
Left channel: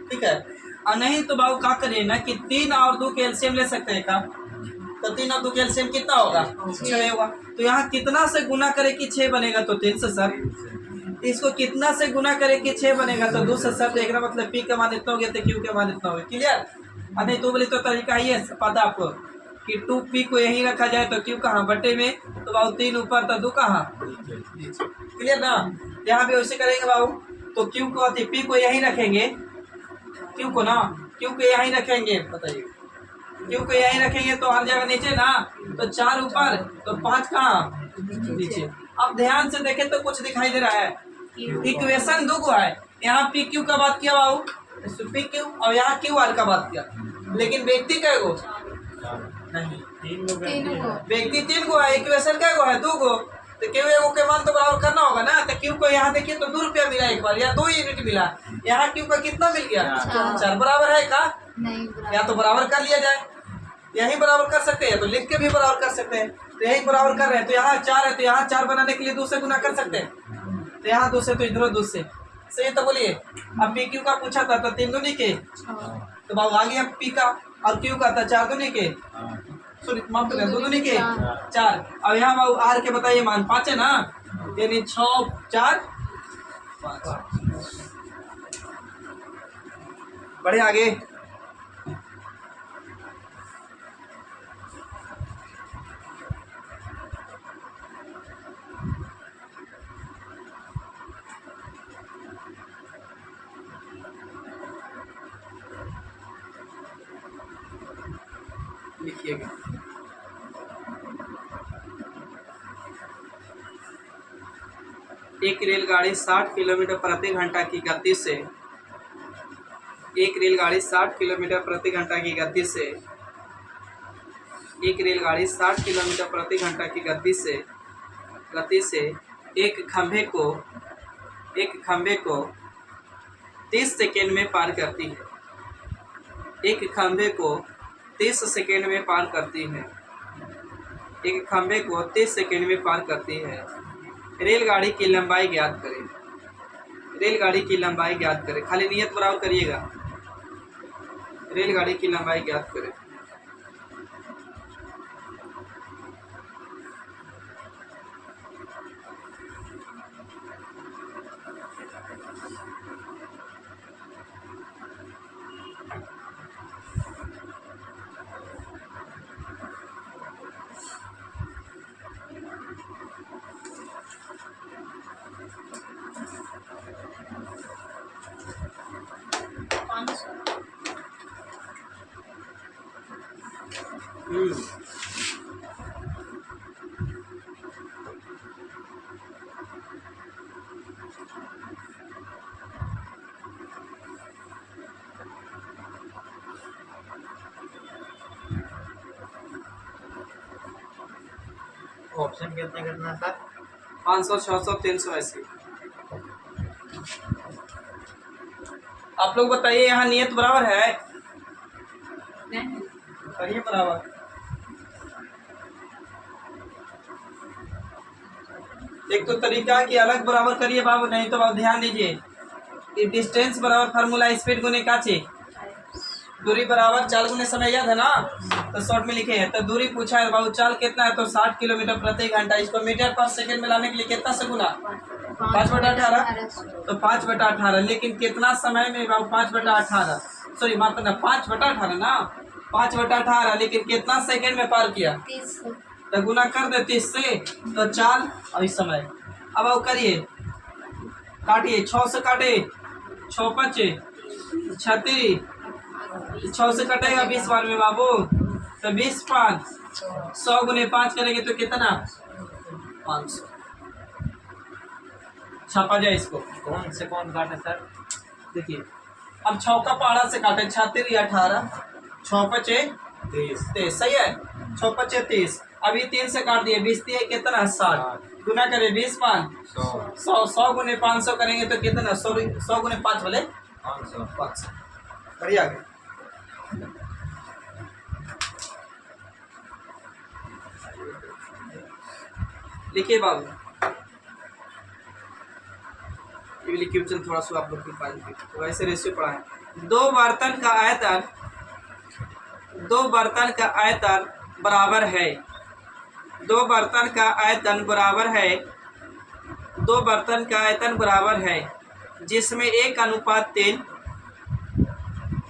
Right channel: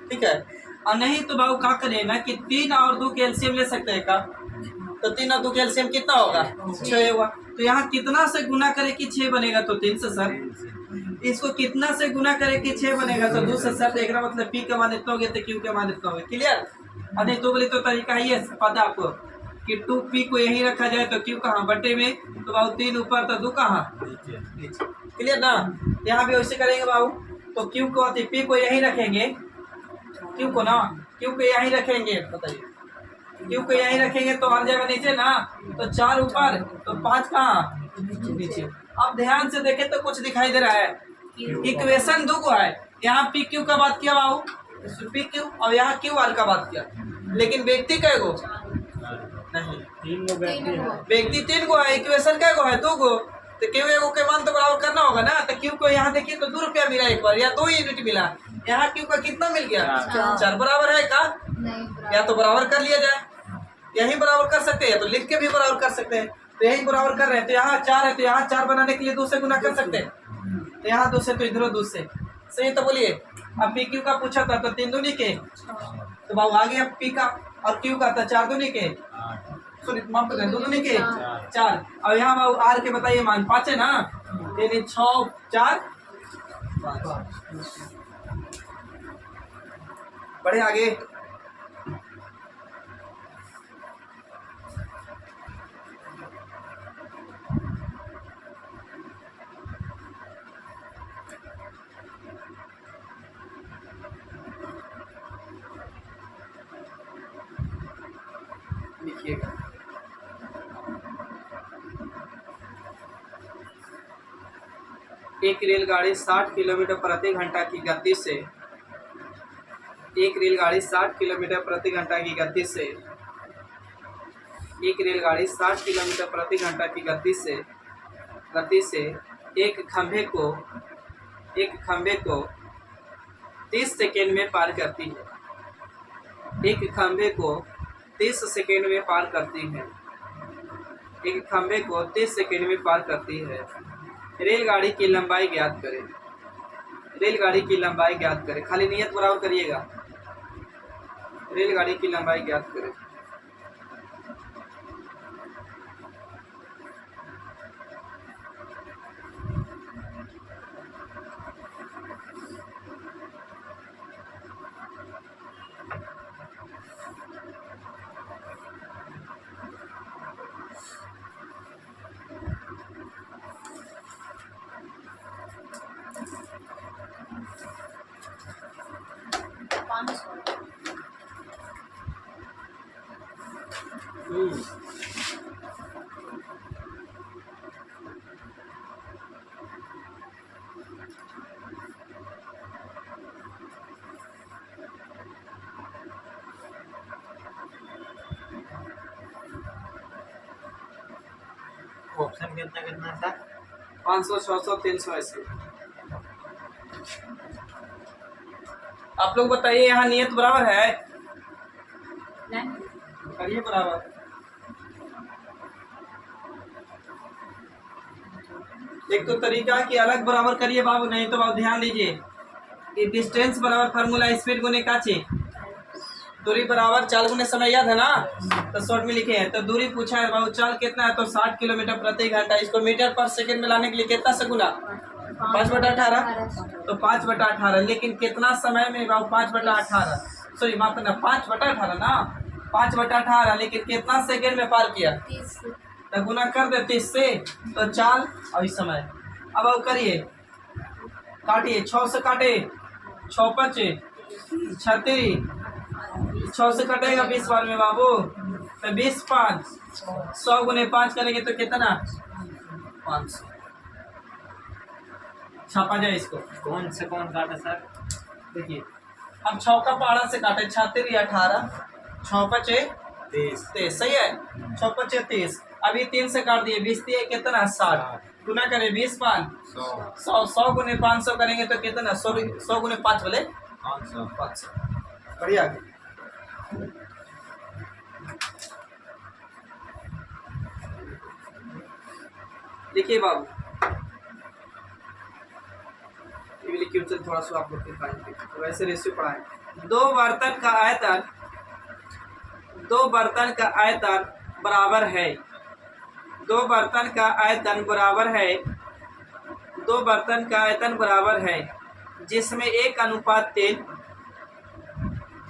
ठीक है। और नहीं तो बाबू क्या करिए ना कि 3 और 2 के एलसीएम ले सकते हैं का, तो 3 और 2 के एलसीएम कितना होगा? 6 होगा। तो यहाँ कितना से गुना करे कि 6 बनेगा? तो 3 से सर। इसको कितना से गुना करे कि 6 बनेगा? तो 2 से सर। देखना मतलब पी का मान इतना हो गया तो क्यू का मान इतना हो गया। क्लियर? अरे तो बोले तो तरीका ही है, पता आपको कि 2p को यहीं रखा जाए तो क्यू कहाँ बटे में, तो बाबू 3 ऊपर तो 2 कहाँ? क्लियर ना? यहाँ भी वैसे करेंगे बाबू, तो क्यू को पी को यहीं रखेंगे, क्यू को ना, क्यू को यहीं रखेंगे, बताइए क्यू को यहीं रखेंगे तो हर जगह नीचे ना, तो 4 ऊपर तो 5 कहाँ? नीचे। अब ध्यान से देखें तो कुछ दिखाई दे रहा है, इक्वेशन 2 को है, यहाँ पी क्यू का बात किया बाबू, पी क्यू, और यहाँ क्यू आर का बात किया, लेकिन व्यक्ति कै गो? नहीं, 3 लोग हैं। व्यक्ति 3 गो है, इक्वेशन कै गो है? 2 गो। तो क्यू एगो के मान तो बराबर करना होगा ना। तो क्यू को यहाँ देखिए तो 2 रुपया मिला एक बार, या 2 यूनिट मिला। यहाँ क्यू का कितना मिल गया? 4 बराबर है का? नहीं, या तो बराबर कर लिया जाए, यही बराबर कर सकते हैं, तो लिख के भी बराबर कर सकते हैं। तो यही बराबर कर रहे हैं, तो यहाँ 4 है, तो यहाँ 4 बनाने के लिए 2 से गुना कर सकते हैं। तो यहाँ 2 से, तो इधर 2 से, सही। तो बोलिए, अब पी क्यू का पूछा था तो 3 दूनी के, तो बाबू आ गया पी का, और क्यू का था 4 दूनी के, सॉरी माफ कर 2 दूनी के 4। अब यहाँ बाबू आर के बताइए मान 5 है ना, यानी 6 4 5। बढ़े आगे। लिखिएगा, एक रेलगाड़ी 60 किलोमीटर प्रति घंटा की गति से, एक रेलगाड़ी 60 किलोमीटर प्रति घंटा की गति से, एक रेलगाड़ी 60 किलोमीटर प्रति घंटा की गति से एक खंभे को 30 सेकेंड में पार करती है। एक खंभे को 30 सेकेंड में पार करती है। एक खंभे को 30 सेकेंड में पार करती है। रेलगाड़ी की लंबाई ज्ञात करें। रेलगाड़ी की लंबाई ज्ञात करें, खाली नियत बराबर करिएगा। रेलगाड़ी की लंबाई ज्ञात करें। ऑप्शन कितना करना था? 500, 600, 380। आप लोग बताइए, यहाँ नियत बराबर है? नहीं, करिए बराबर। एक तो तरीका कि अलग बराबर करिए बाबू, नहीं तो बाबू ध्यान दीजिए, ये डिस्टेंस बराबर फार्मूला स्पीड गुने का चे, दूरी बराबर चाल गुने समय, याद है ना? तो शॉर्ट में लिखे हैं। तो दूरी पूछा है बाबू, चाल कितना है? तो 60 किलोमीटर प्रति घंटा। इसको मीटर पर सेकंड में लाने के लिए कितना से गुना? 5/18। तो 5/18, लेकिन कितना समय में बाबू? 5/18, सॉरी माफ करना, 5/18 ना, 5/18, लेकिन कितना सेकंड में पार किया? तो गुना कर दे 30 से, तो 4 और इस समय अब वो करिए, काटिए 6 से काटे, 6 5 36, 6 से कटेगा 20 बार में बाबू, तो 20 5 100 गुने 5 करेंगे तो कितना 500। छापा जाए इसको, कौन से कौन काटे सर? देखिए अब 6 का पहाड़ा से काटे 36 या 18, 6 5 30 30 सही है, 6 5 30, अभी 3 से काट दिए 20 दिए कितना 60, गुना करें 20 5 100 100 गुने 500 करेंगे तो कितना 100 गुने 5 बोले 500। 500। बढ़िया आगे लिखिए बाबू, ये भी लिखिए चल थोड़ा सा आप लोग तो वैसे रेशियो पढ़ाएं। दो बर्तन का आयतन बराबर है, दो बर्तन का आयतन बराबर है, दो बर्तन का आयतन बराबर है जिसमें 1:3,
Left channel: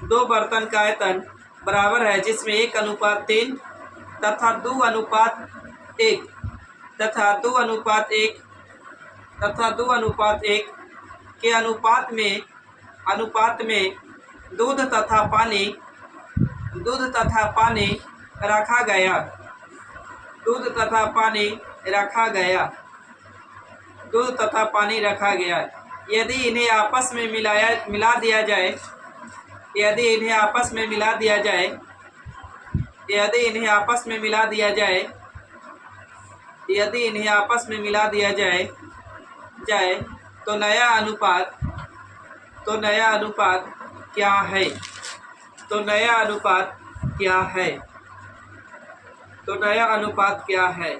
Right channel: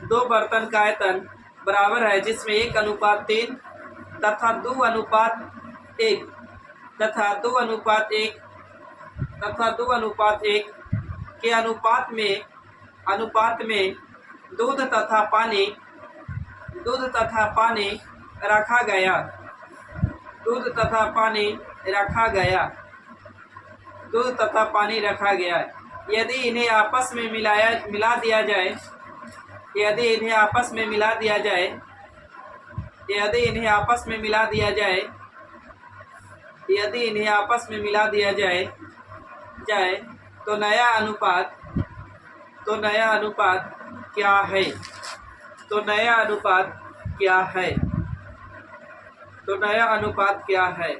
दो बर्तन का आयतन बराबर है जिसमें 1:3 तथा 2:1 तथा 2:1 तथा 2:1 के अनुपात में दूध तथा पानी रखा गया, दूध तथा पानी रखा गया, दूध तथा पानी रखा गया। यदि इन्हें आपस में मिला दिया जाए, यदि इन्हें आपस में मिला दिया जाए, यदि इन्हें आपस में मिला दिया जाए, यदि इन्हें आपस में मिला दिया जाए तो नया अनुपात क्या है, तो नया अनुपात क्या है, तो नया अनुपात क्या है।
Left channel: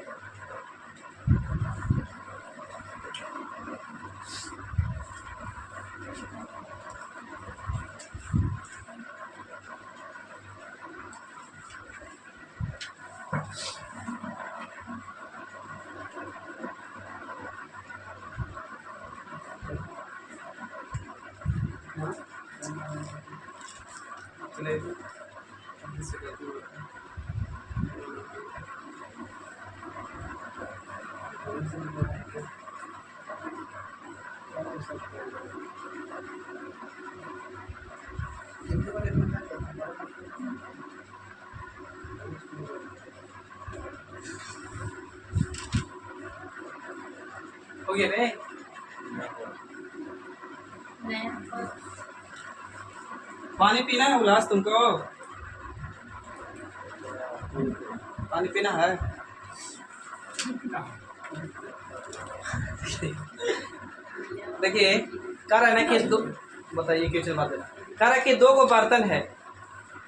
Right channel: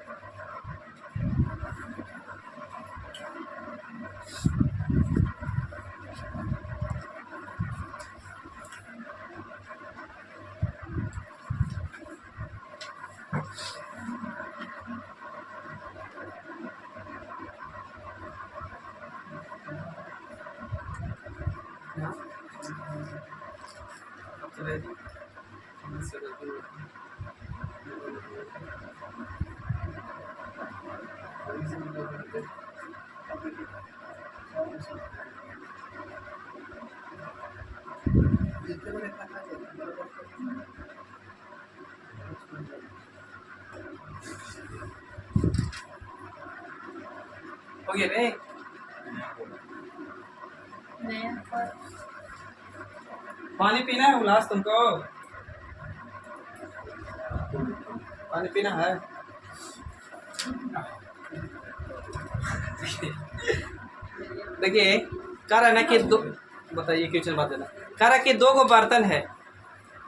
हो गया रे, पानी पीना है उल्लास तुमको, पानी पीना है। देखिए कह रहा है ना कि दो, बताइए क्वेश्चन बात देना, कह रहा है कि 2 बर्तन है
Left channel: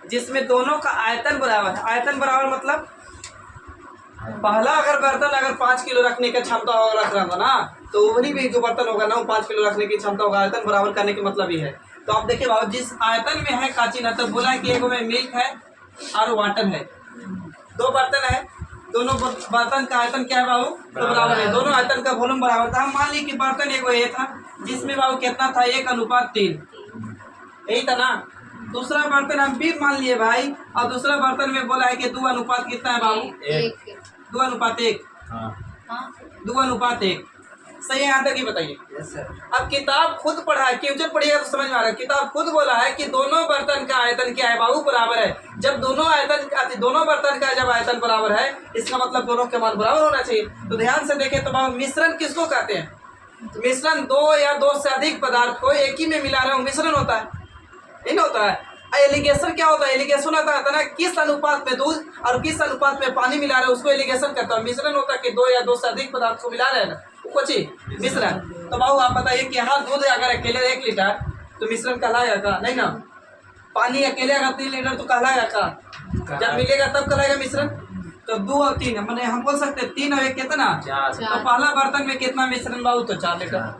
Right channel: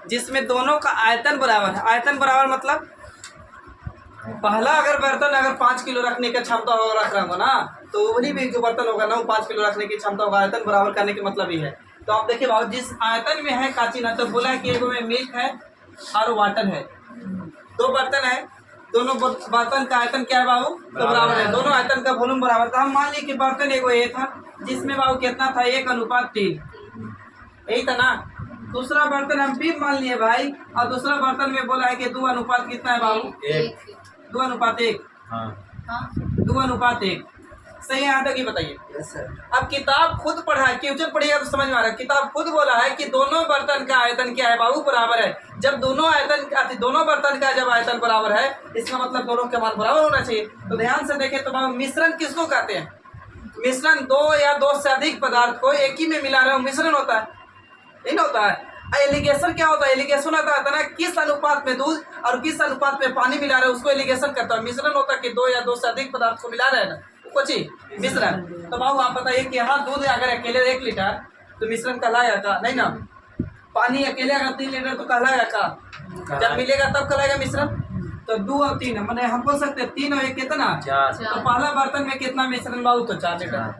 जिसमें दोनों का आयतन बराबर है। आयतन बराबर मतलब पहला अगर बर्तन अगर 5 किलो रखने का क्षमता होगा रख रहा होगा ना, तो वही भी जो बर्तन होगा ना वो 5 किलो रखने की क्षमता होगा। आयतन बराबर करने के मतलब ये है। तो आप देखिए बाबू, जिस आयतन में है काची ना, तो बोला है कि एक में मिल्क है और वाटर है, 2 बर्तन है, दोनों बर्तन का आयतन क्या है बाबू, तो बराबर है, दोनों आयतन का वॉल्यूम बराबर था। हम मान ली कि बर्तन एक ये था जिसमें बाबू कितना था 1:3, यही था ना। दूसरा बर्तन हम भी मान लिए भाई, और दूसरा बर्तन में बोला है कि 2 अनुपात कितना है बाबू, 2:1, 2:1। सही है यहाँ तक ही बताइए। Yes sir. अब किताब खुद पढ़ा है, क्वेश्चन पढ़िएगा तो समझ में आ रहा है। किताब खुद बोला है कि दोनों बर्तन का आयतन क्या है बाबू, बराबर है। जब दोनों बर्तन का जब आयतन बराबर है, इसका मतलब दोनों के मान बराबर होना चाहिए। तो ध्यान से देखें तो बाबू, मिश्रण किसको कहते हैं? मिश्रण 2 या 2 से अधिक पदार्थ को एक ही में मिला रहे हो, मिश्रण होता है, यही ना होता है। एलिगेशन क्या होता है? एलिगेशन होता है ना किस अनुपात में दूध और किस अनुपात में पानी मिला रहे हैं, उसको एलिगेशन कहता है। मिश्रण होता है कि 2 या 2 से अधिक पदार्थ को मिला रहे हैं ना, कुछ मिश्रण। तो बाबू आप बताइए कि यहाँ दूध अगर अकेले 1 लीटर तो मिश्रण कहलाएगा का? नहीं ना। पानी अकेले अगर 3 लीटर तो कहलाएगा का? जब मिलेगा तब कहलाएगा मिश्रण। तो 2 और 3 मैंने हम बोल सकते हैं 3 और 1 कितना? 4। तो पहला बर्तन में कितना मिश्रण बाबू? तो 4 लीटर।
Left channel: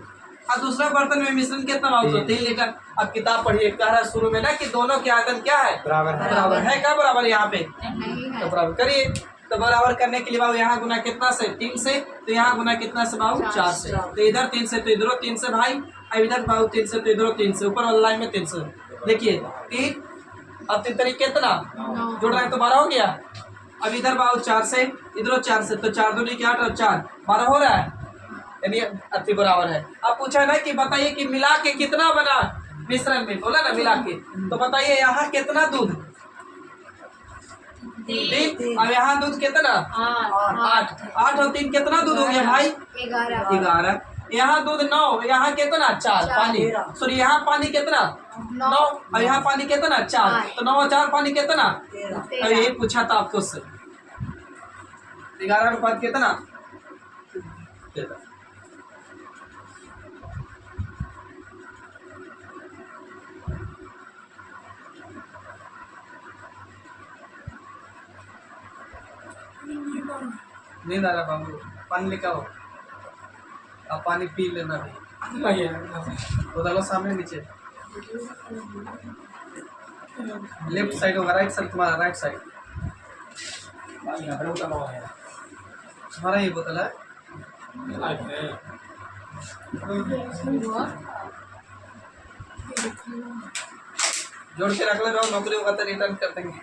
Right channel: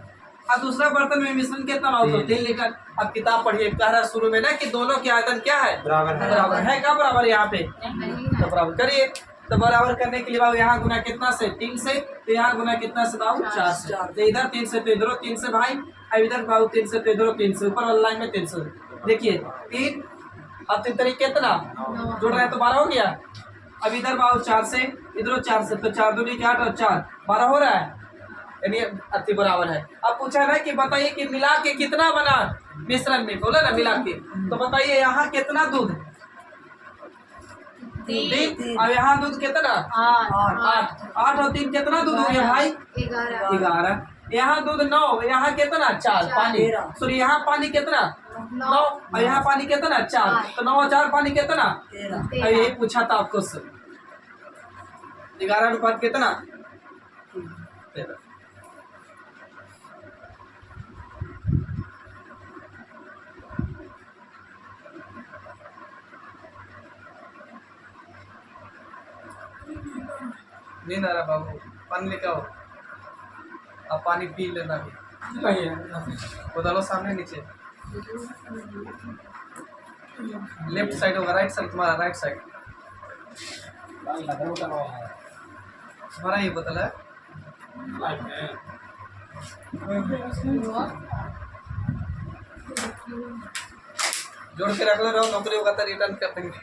और दूसरा बर्तन में मिश्रण कितना बाबू? तो 3 लीटर। अब किताब पढ़िए, कह रहा शुरू में ना कि दोनों के आयतन क्या है? बराबर है। क्या बराबर यहाँ पे? तो बराबर करिए। तो बराबर करने के लिए बाबू यहाँ गुना कितना से? 3 से। तो यहाँ गुना कितना से बाबू? 4 से। तो इधर 3 से तो इधर 3 से भाई, अब इधर बाबू 3 से तो इधर 3 से, ऊपर वाला लाइन में 3 से। देखिए 3 अब 3 तरीके कितना जोड़ रहे हैं तो 12 हो गया। अब इधर बाबू 4 से, इधर 4 से, तो 4 दूनी 8 और 4 12 हो रहा है, यानी अति बराबर है। अब पूछा ना कि बताइए कि मिला के कितना बना मिश्रण में, बोला ना मिला के, तो बताइए यहाँ कितना दूध, 3, और यहाँ दूध कितना 8, 8 और 3 कितना दूध हो गया भाई 11, यहाँ दूध 9, यहाँ कितना 4 पानी, सॉरी यहाँ पानी कितना 9 और यहाँ पानी कितना 4, तो 9 और 4 पानी कितना, अब यही पूछा था आपको सर, 11 अनुपात कितना 13। नींद आ रहा बाबू, पानी लेकर आओ, अब पानी पी लेना भी, नहीं है उधर सामने नीचे, लेफ्ट साइड होगा, राइट साइड तुम्हारा, राइट साइड भाई लकड़ी उतारा हुआ है तुम्हारा ही बोतल है। लाइफ है जोड़ के रख ले रहो, नौकरी होगा तो रिटर्न कर देंगे।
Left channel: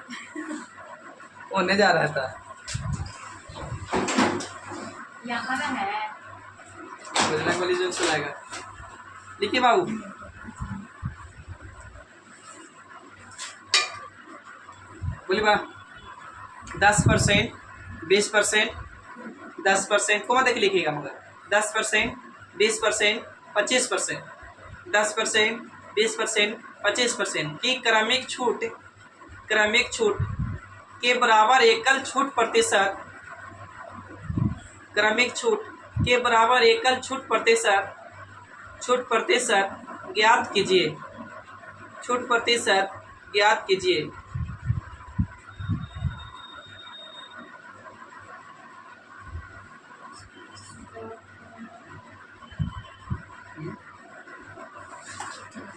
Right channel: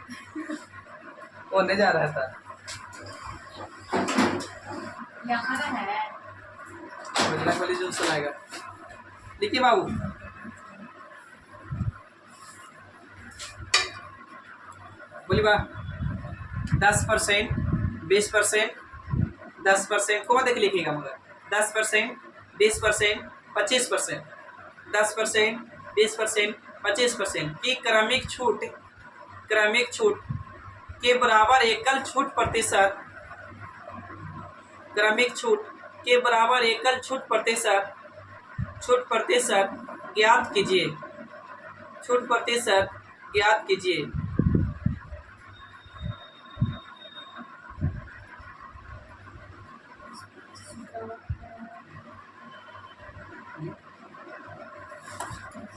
वो नहीं जा रहा था, यहाँ है बजरंग बली जो चलाएगा। देखिए बाबू, बोलिए बा 10%, 20%, 10% को देख लिखिएगा, मगर 10%, 20%, 25%, 10%, 20%, 25% की क्रमिक छूट के बराबर एकल छूट प्रतिशत, क्रमिक छूट के बराबर एकल छूट प्रतिशत ज्ञात कीजिए, छूट प्रतिशत ज्ञात कीजिए।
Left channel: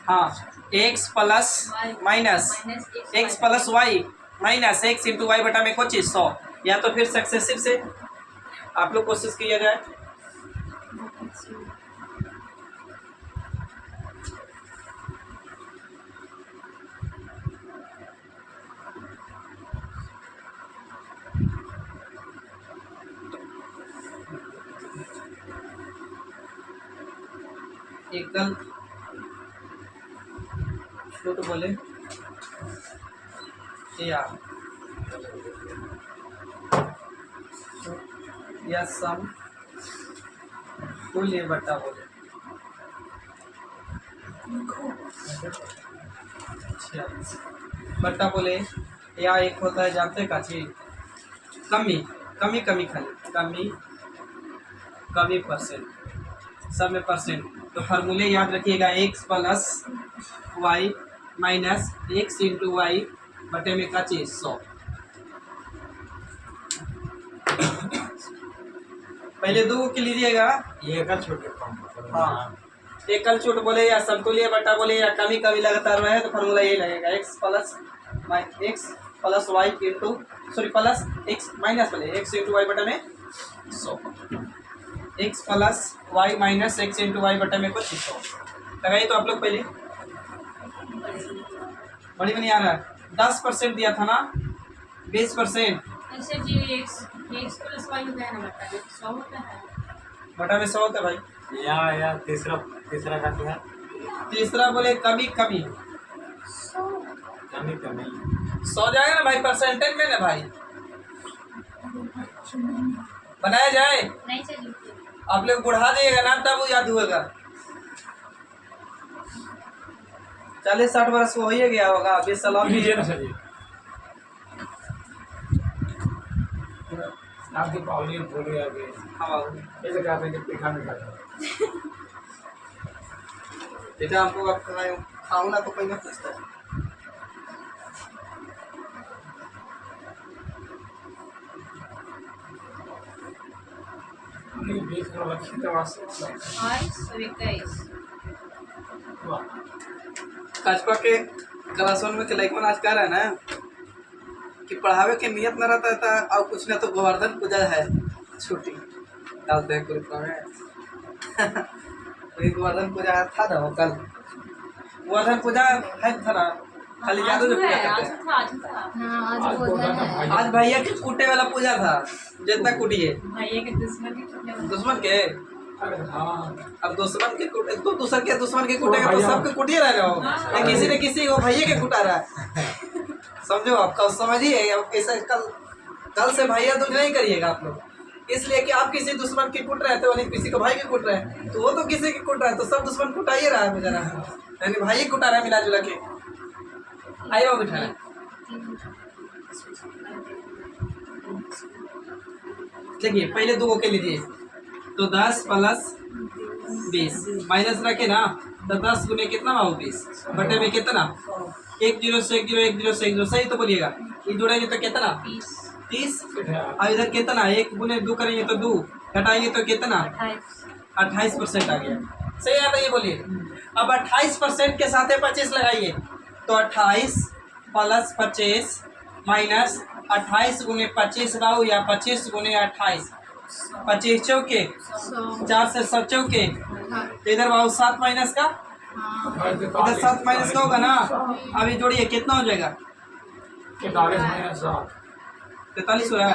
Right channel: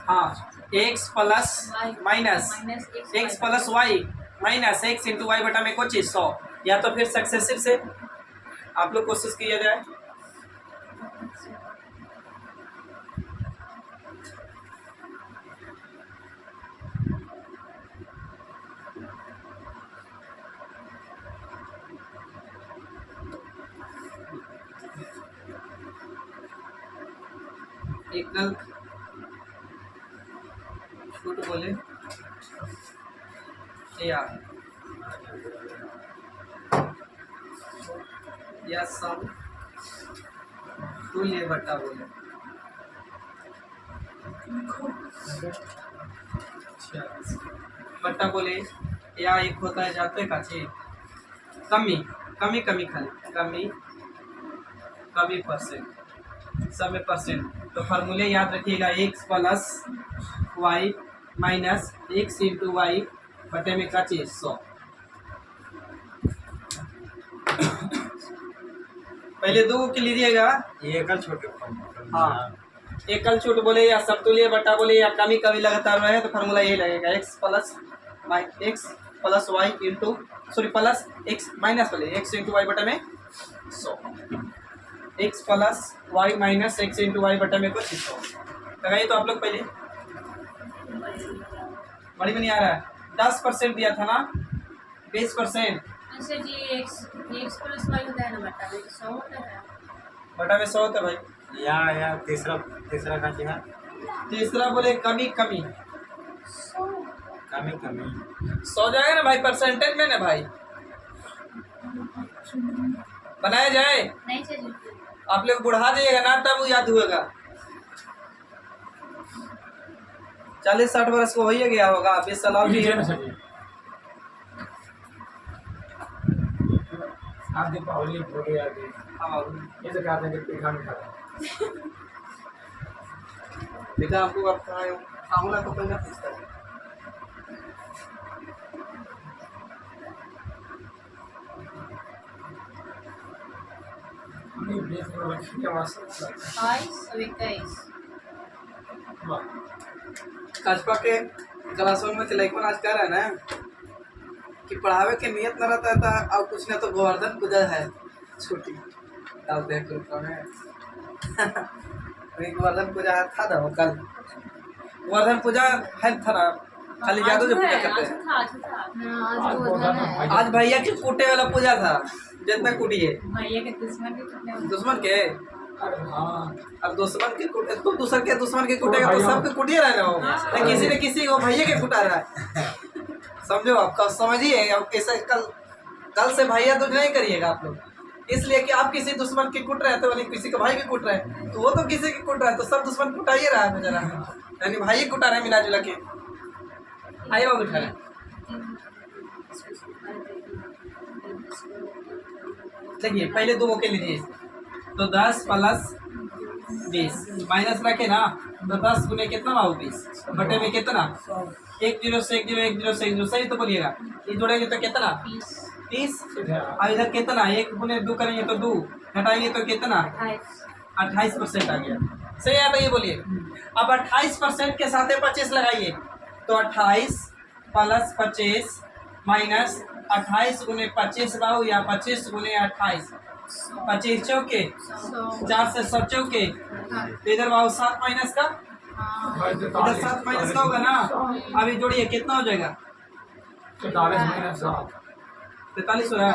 हाँ, x plus minus x plus y minus x into y बटा में कोई चीज 100, या तो फिर सक्सेसिव से आप लोग कोशिश किया जाए। एकल छूट बोले या सम तुल्य बटा बोले, बटा बोले, या एक होता है जानते का चीज कमी कमी कमी खाली कमी परसेंट, सब में परसेंट। तो फार्मूले याद रखिएगा, x plus y minus x into y बटे में का चीज 100। पहले दो के लीजिएगा, ये एकल छोटे हाँ एकल छूट बोले या समतुल्य बटा बोले या कमी कमी लगातार रहे तो फार्मूला यही लगेगा, x plus y into sorry plus x minus बोले x इंटू वाई बटे में 100, x plus y minus x into y बटे में कुछ 100 लगाइए। तो आप लोग पहले बड़ी में नहीं आ रहा है, 10% दिया था ना, 20% अच्छा जी, x प्लस वाई होता है ना, बटा में 100 होता है, बटा में 100 होता है भाई। या तीसरा का क्या है, तीसरा बोले कमी कमी कमी कमी 100 जाएगा ना भाई, परसेंटेज में ना भाई बनाया जाए। नहीं चाहिए आप लोग बढ़ा जाइएगा ना तब वो याद हुएगा, 40-60 वर्ष को हो ही गया होगा, 20 साल और भी नीचे है। ना चाहिए आप दीपावली बोलो यार के हाँ बाबू, ऐसे कहते हैं कि पीठा में खाता बेटा आपको अब खाऊं ना तो कोई मत पूछता है। हमने 20 करोड़ रखी के वास्ते 22 वाह कस्बा के क्लास 1 में के लड़कन आज कह रहा है ना कि पढ़ावे के नियत न रहता था, और कुछ ना तो गोवर्धन पूजा है छुट्टी डालते हैं ग्रुप में लेकिन गोवर्धन पूजा था ना वो कल, गोवर्धन पूजा है था ना, खाली जादू से पूजा करते आज हैं। था आज था आज बोला था भाई आज भैया के कूटे वाला पूजा था, जितना कुटिए भैया के दुश्मन भी टूटने वाले। दुश्मन के। अरे हाँ अब दुश्मन के कुटे तो दूसर के दुश्मन के कुटेगा तो भैया। सबके कुटिए रह हो। हाँ। किसी न किसी वो भैया के कुटा रहा है। समझो आपका समझिए। अब ऐसे कल से भैया दूज नहीं करिएगा आप लोग, इसलिए कि आप किसी दुश्मन के कुट रहे थे, वाले किसी का भाई के कुट रहे हैं, तो वो तो किसी के कुट रहा है, तो सब दुश्मन कुटाइए रहा है बेचारा, यानी भाई कुटा रहा है मिला जुला के। आइए वो बिठा रहे। देखिए पहले दो के लीजिए, तो 10 प्लस 20 माइनस रखे ना, तो 10 गुने कितना हो 20 बटे में कितना 1 0 से 1 0 1 0 से 1 0 सही तो बोलिएगा। ये जोड़ेंगे तो कितना 30। अब इधर कितना 1 गुने 2 करेंगे तो 2, घटाएंगे तो कितना 28% आ गया। सही है ना, ये बोलिए। अब 28% के साथ 25 लगाइए, तो 28 प्लस 25 माइनस 28 गुने 25 बाऊ या 25 गुने 28, 25 चौके 4 से 7 चौके, तो इधर बाऊ 7 माइनस का, इधर 7 माइनस का होगा ना। अभी जोड़िए कितना हो जाएगा 43 माइनस 7 43 हो रहा है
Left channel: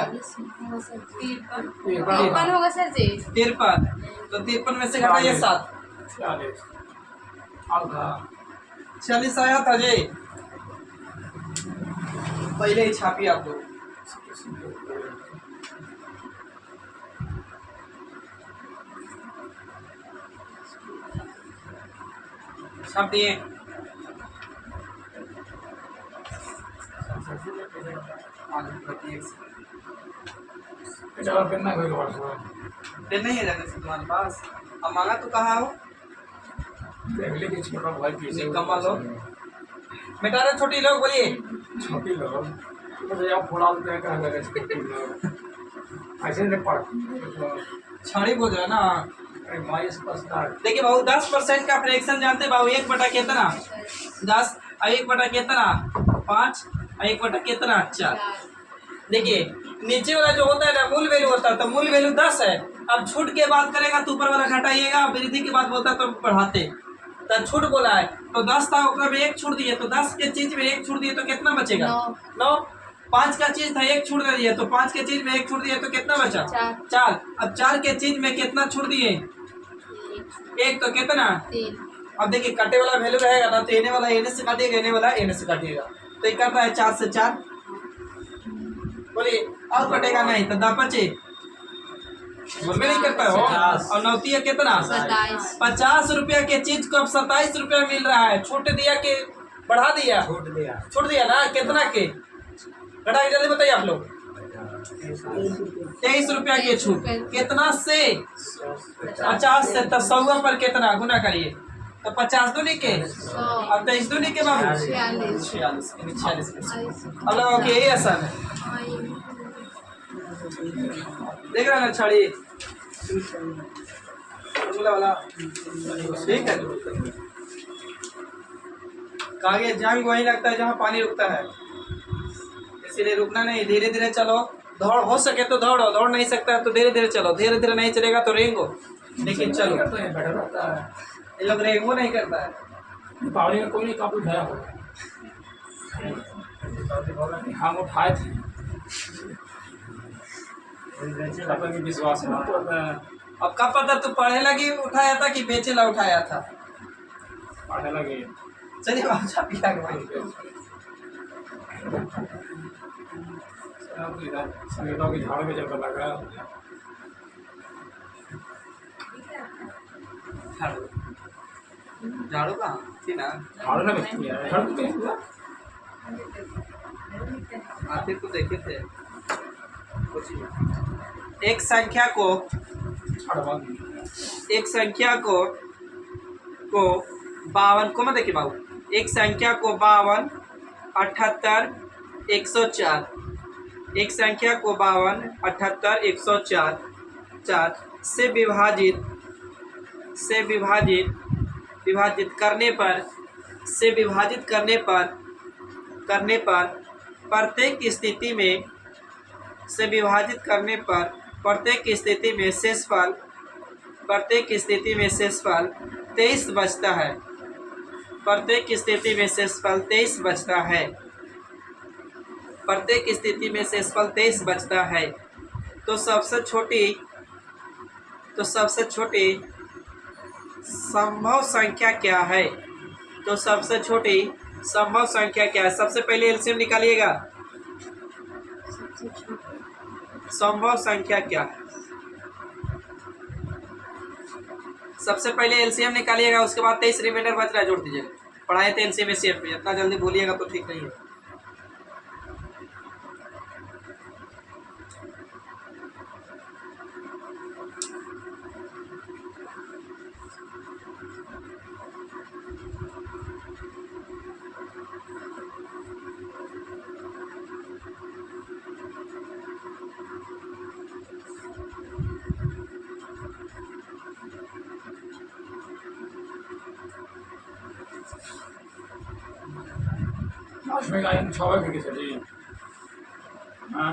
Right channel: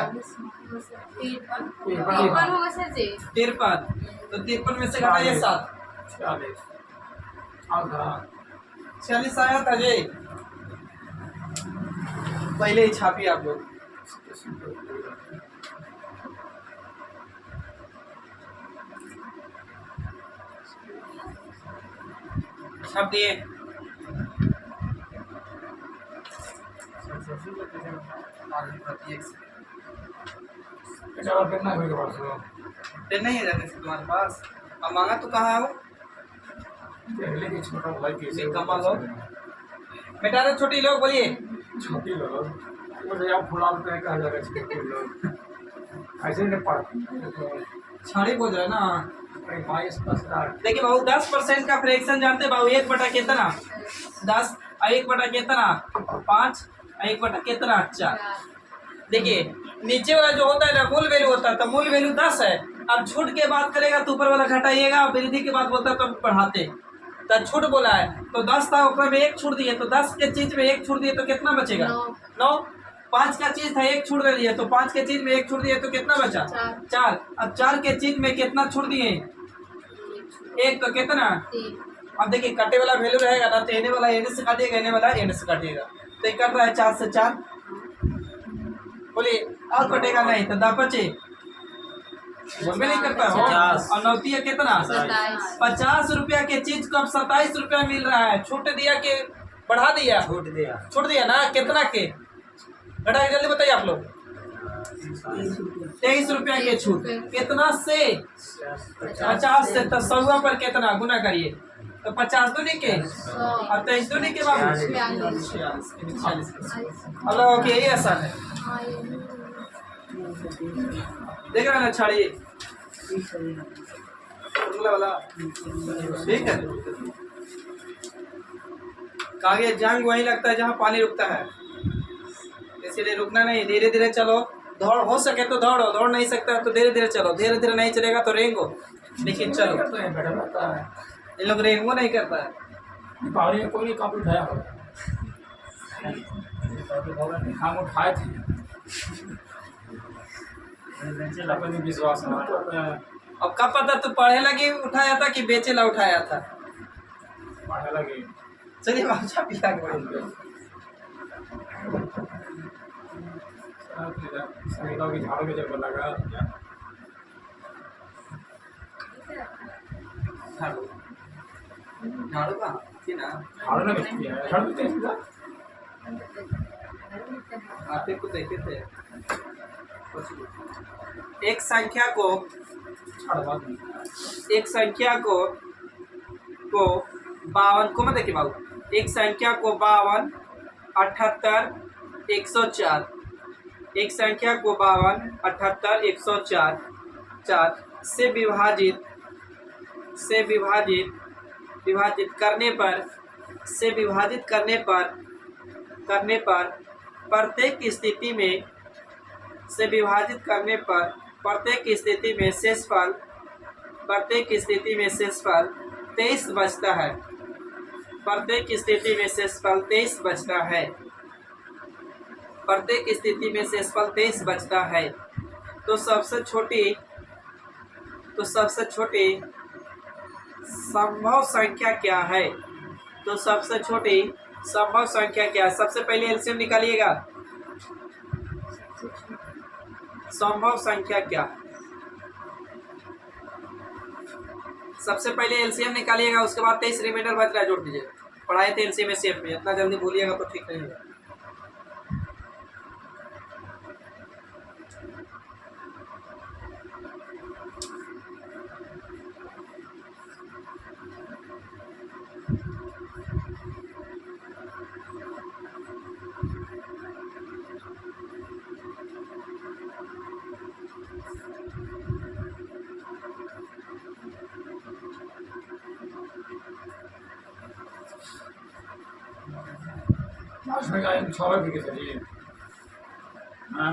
53 होगा सर जी। 53, तो 53 में से घटाइए 7, 46 अब था 46 आया था जी। पहले ही छापिए आप लोग। छाप दिए। और कितना कोई के पास हो पेन नहीं है जाते तुम्हारे पास, अब मांगा तो कहाँ हो। पहले के छोटा भाई पीछे निकम्मा लोग। बेटा रे छोटी लोग बोलिए। छोटी लोग तो जाओ फुला देते हैं कहा जाएगा छोटी लोग ऐसे नहीं पढ़ छाड़ी बोल रहा है ना। माइनस +8 देखिए बाबू 10% का फ्रैक्शन जानते बाबू, 1 बटा कितना 10, 1 बटा कितना 5, 1 बटा कितना 4। देखिए नीचे वाला जो होता है ना मूल वैल्यू होता है, तो मूल वैल्यू 10 है। अब छूट के बात करेगा तो ऊपर वाला घटाइएगा, वृद्धि के बाद बोलता है तो बढ़ाते, तो छूट बोला है तो 10 था, ऊपर में 1 छूट दिए, तो 10 के चीज में 1 छूट दिए तो कितना बचेगा 9। 5 का चीज था 1 छूट दे दिए, तो 5 के चीज में 1 छूट दिए तो कितना बचा 4। अब 4 के चीज में कितना छूट दिए 1, तो कितना। अब देखिए कटे वाला वैल्यू रहेगा ना, तो एने वाला एने से काटिएगा, एने वाला एने से काटिएगा, तो ये कट रहा है 4 से 4। बोलिए अब कटेगा नहीं तो 10 बचे, बोल में नहीं करता हो। और 9 दिया कितना 50 रुपया के चीज को अब 27 रुपया मिल रहा है। छूट दिया के बढ़ा दिया, छूट दिया ना कितना के घटा के जल्दी बताइए आप लोग। 23 रुपया के छूट कितना से 50 से, तो 100 पर कितना गुना करिए, तो 50 दूनी के और 23 दूनी के बाबू 46। अब लोगों की यही आसान है, देख रहे ना छड़ी वाला। ठीक है, कागज जंग वही लगता है जहाँ पानी रुकता है, इसलिए रुकना नहीं, धीरे धीरे चलो। दौड़ हो सके तो दौड़ो, दौड़ नहीं सकता तो धीरे धीरे चलो, धीरे धीरे नहीं चलेगा तो रेंगो, लेकिन चलो। करते हैं बैठा रहता है ये लोग रेंगो नहीं करता है। दीपावली में कोई नहीं कापी उठाया होगा, हम उठाए थे अपने विश्वास में अब कब पता तू पढ़े लगी उठाया था कि बेचे ला उठाया था। पढ़ने लगे चलिए अच्छा पिता संगीता की झाड़ू में जब लगा झाड़ू झाड़ू कहाँ थी ना, झाड़ू में झाड़ू में क्या आते को देखे थे। एक संख्या को छड़वा दी एक संख्या को 52 को मत देखिए बाबू, एक संख्या को 52 78 104, एक संख्या को 52 78 104 4 से विभाजित करने पर प्रत्येक स्थिति में से विभाजित करने पर प्रत्येक स्थिति में शेषफल 23 बचता है। प्रत्येक स्थिति में शेषफल 23 बचता है। प्रत्येक स्थिति में शेषफल 23 बचता है। तो सबसे छोटी संभव संख्या क्या है? तो सबसे छोटी संभव संख्या क्या है? सबसे पहले एलसीएम निकालिएगा। सबसे छोटी संभव संख्या क्या है? सबसे पहले एलसीएम निकालिएगा, उसके बाद 23 रिमाइंडर बच रहा है, जोड़ दीजिएगा। पढ़ाए थे एलसीएम एचसीएफ में, इतना जल्दी भूलिएगा तो ठीक नहीं है। लास्ट में आएंगे 6 फिर कैसे जी? हाँ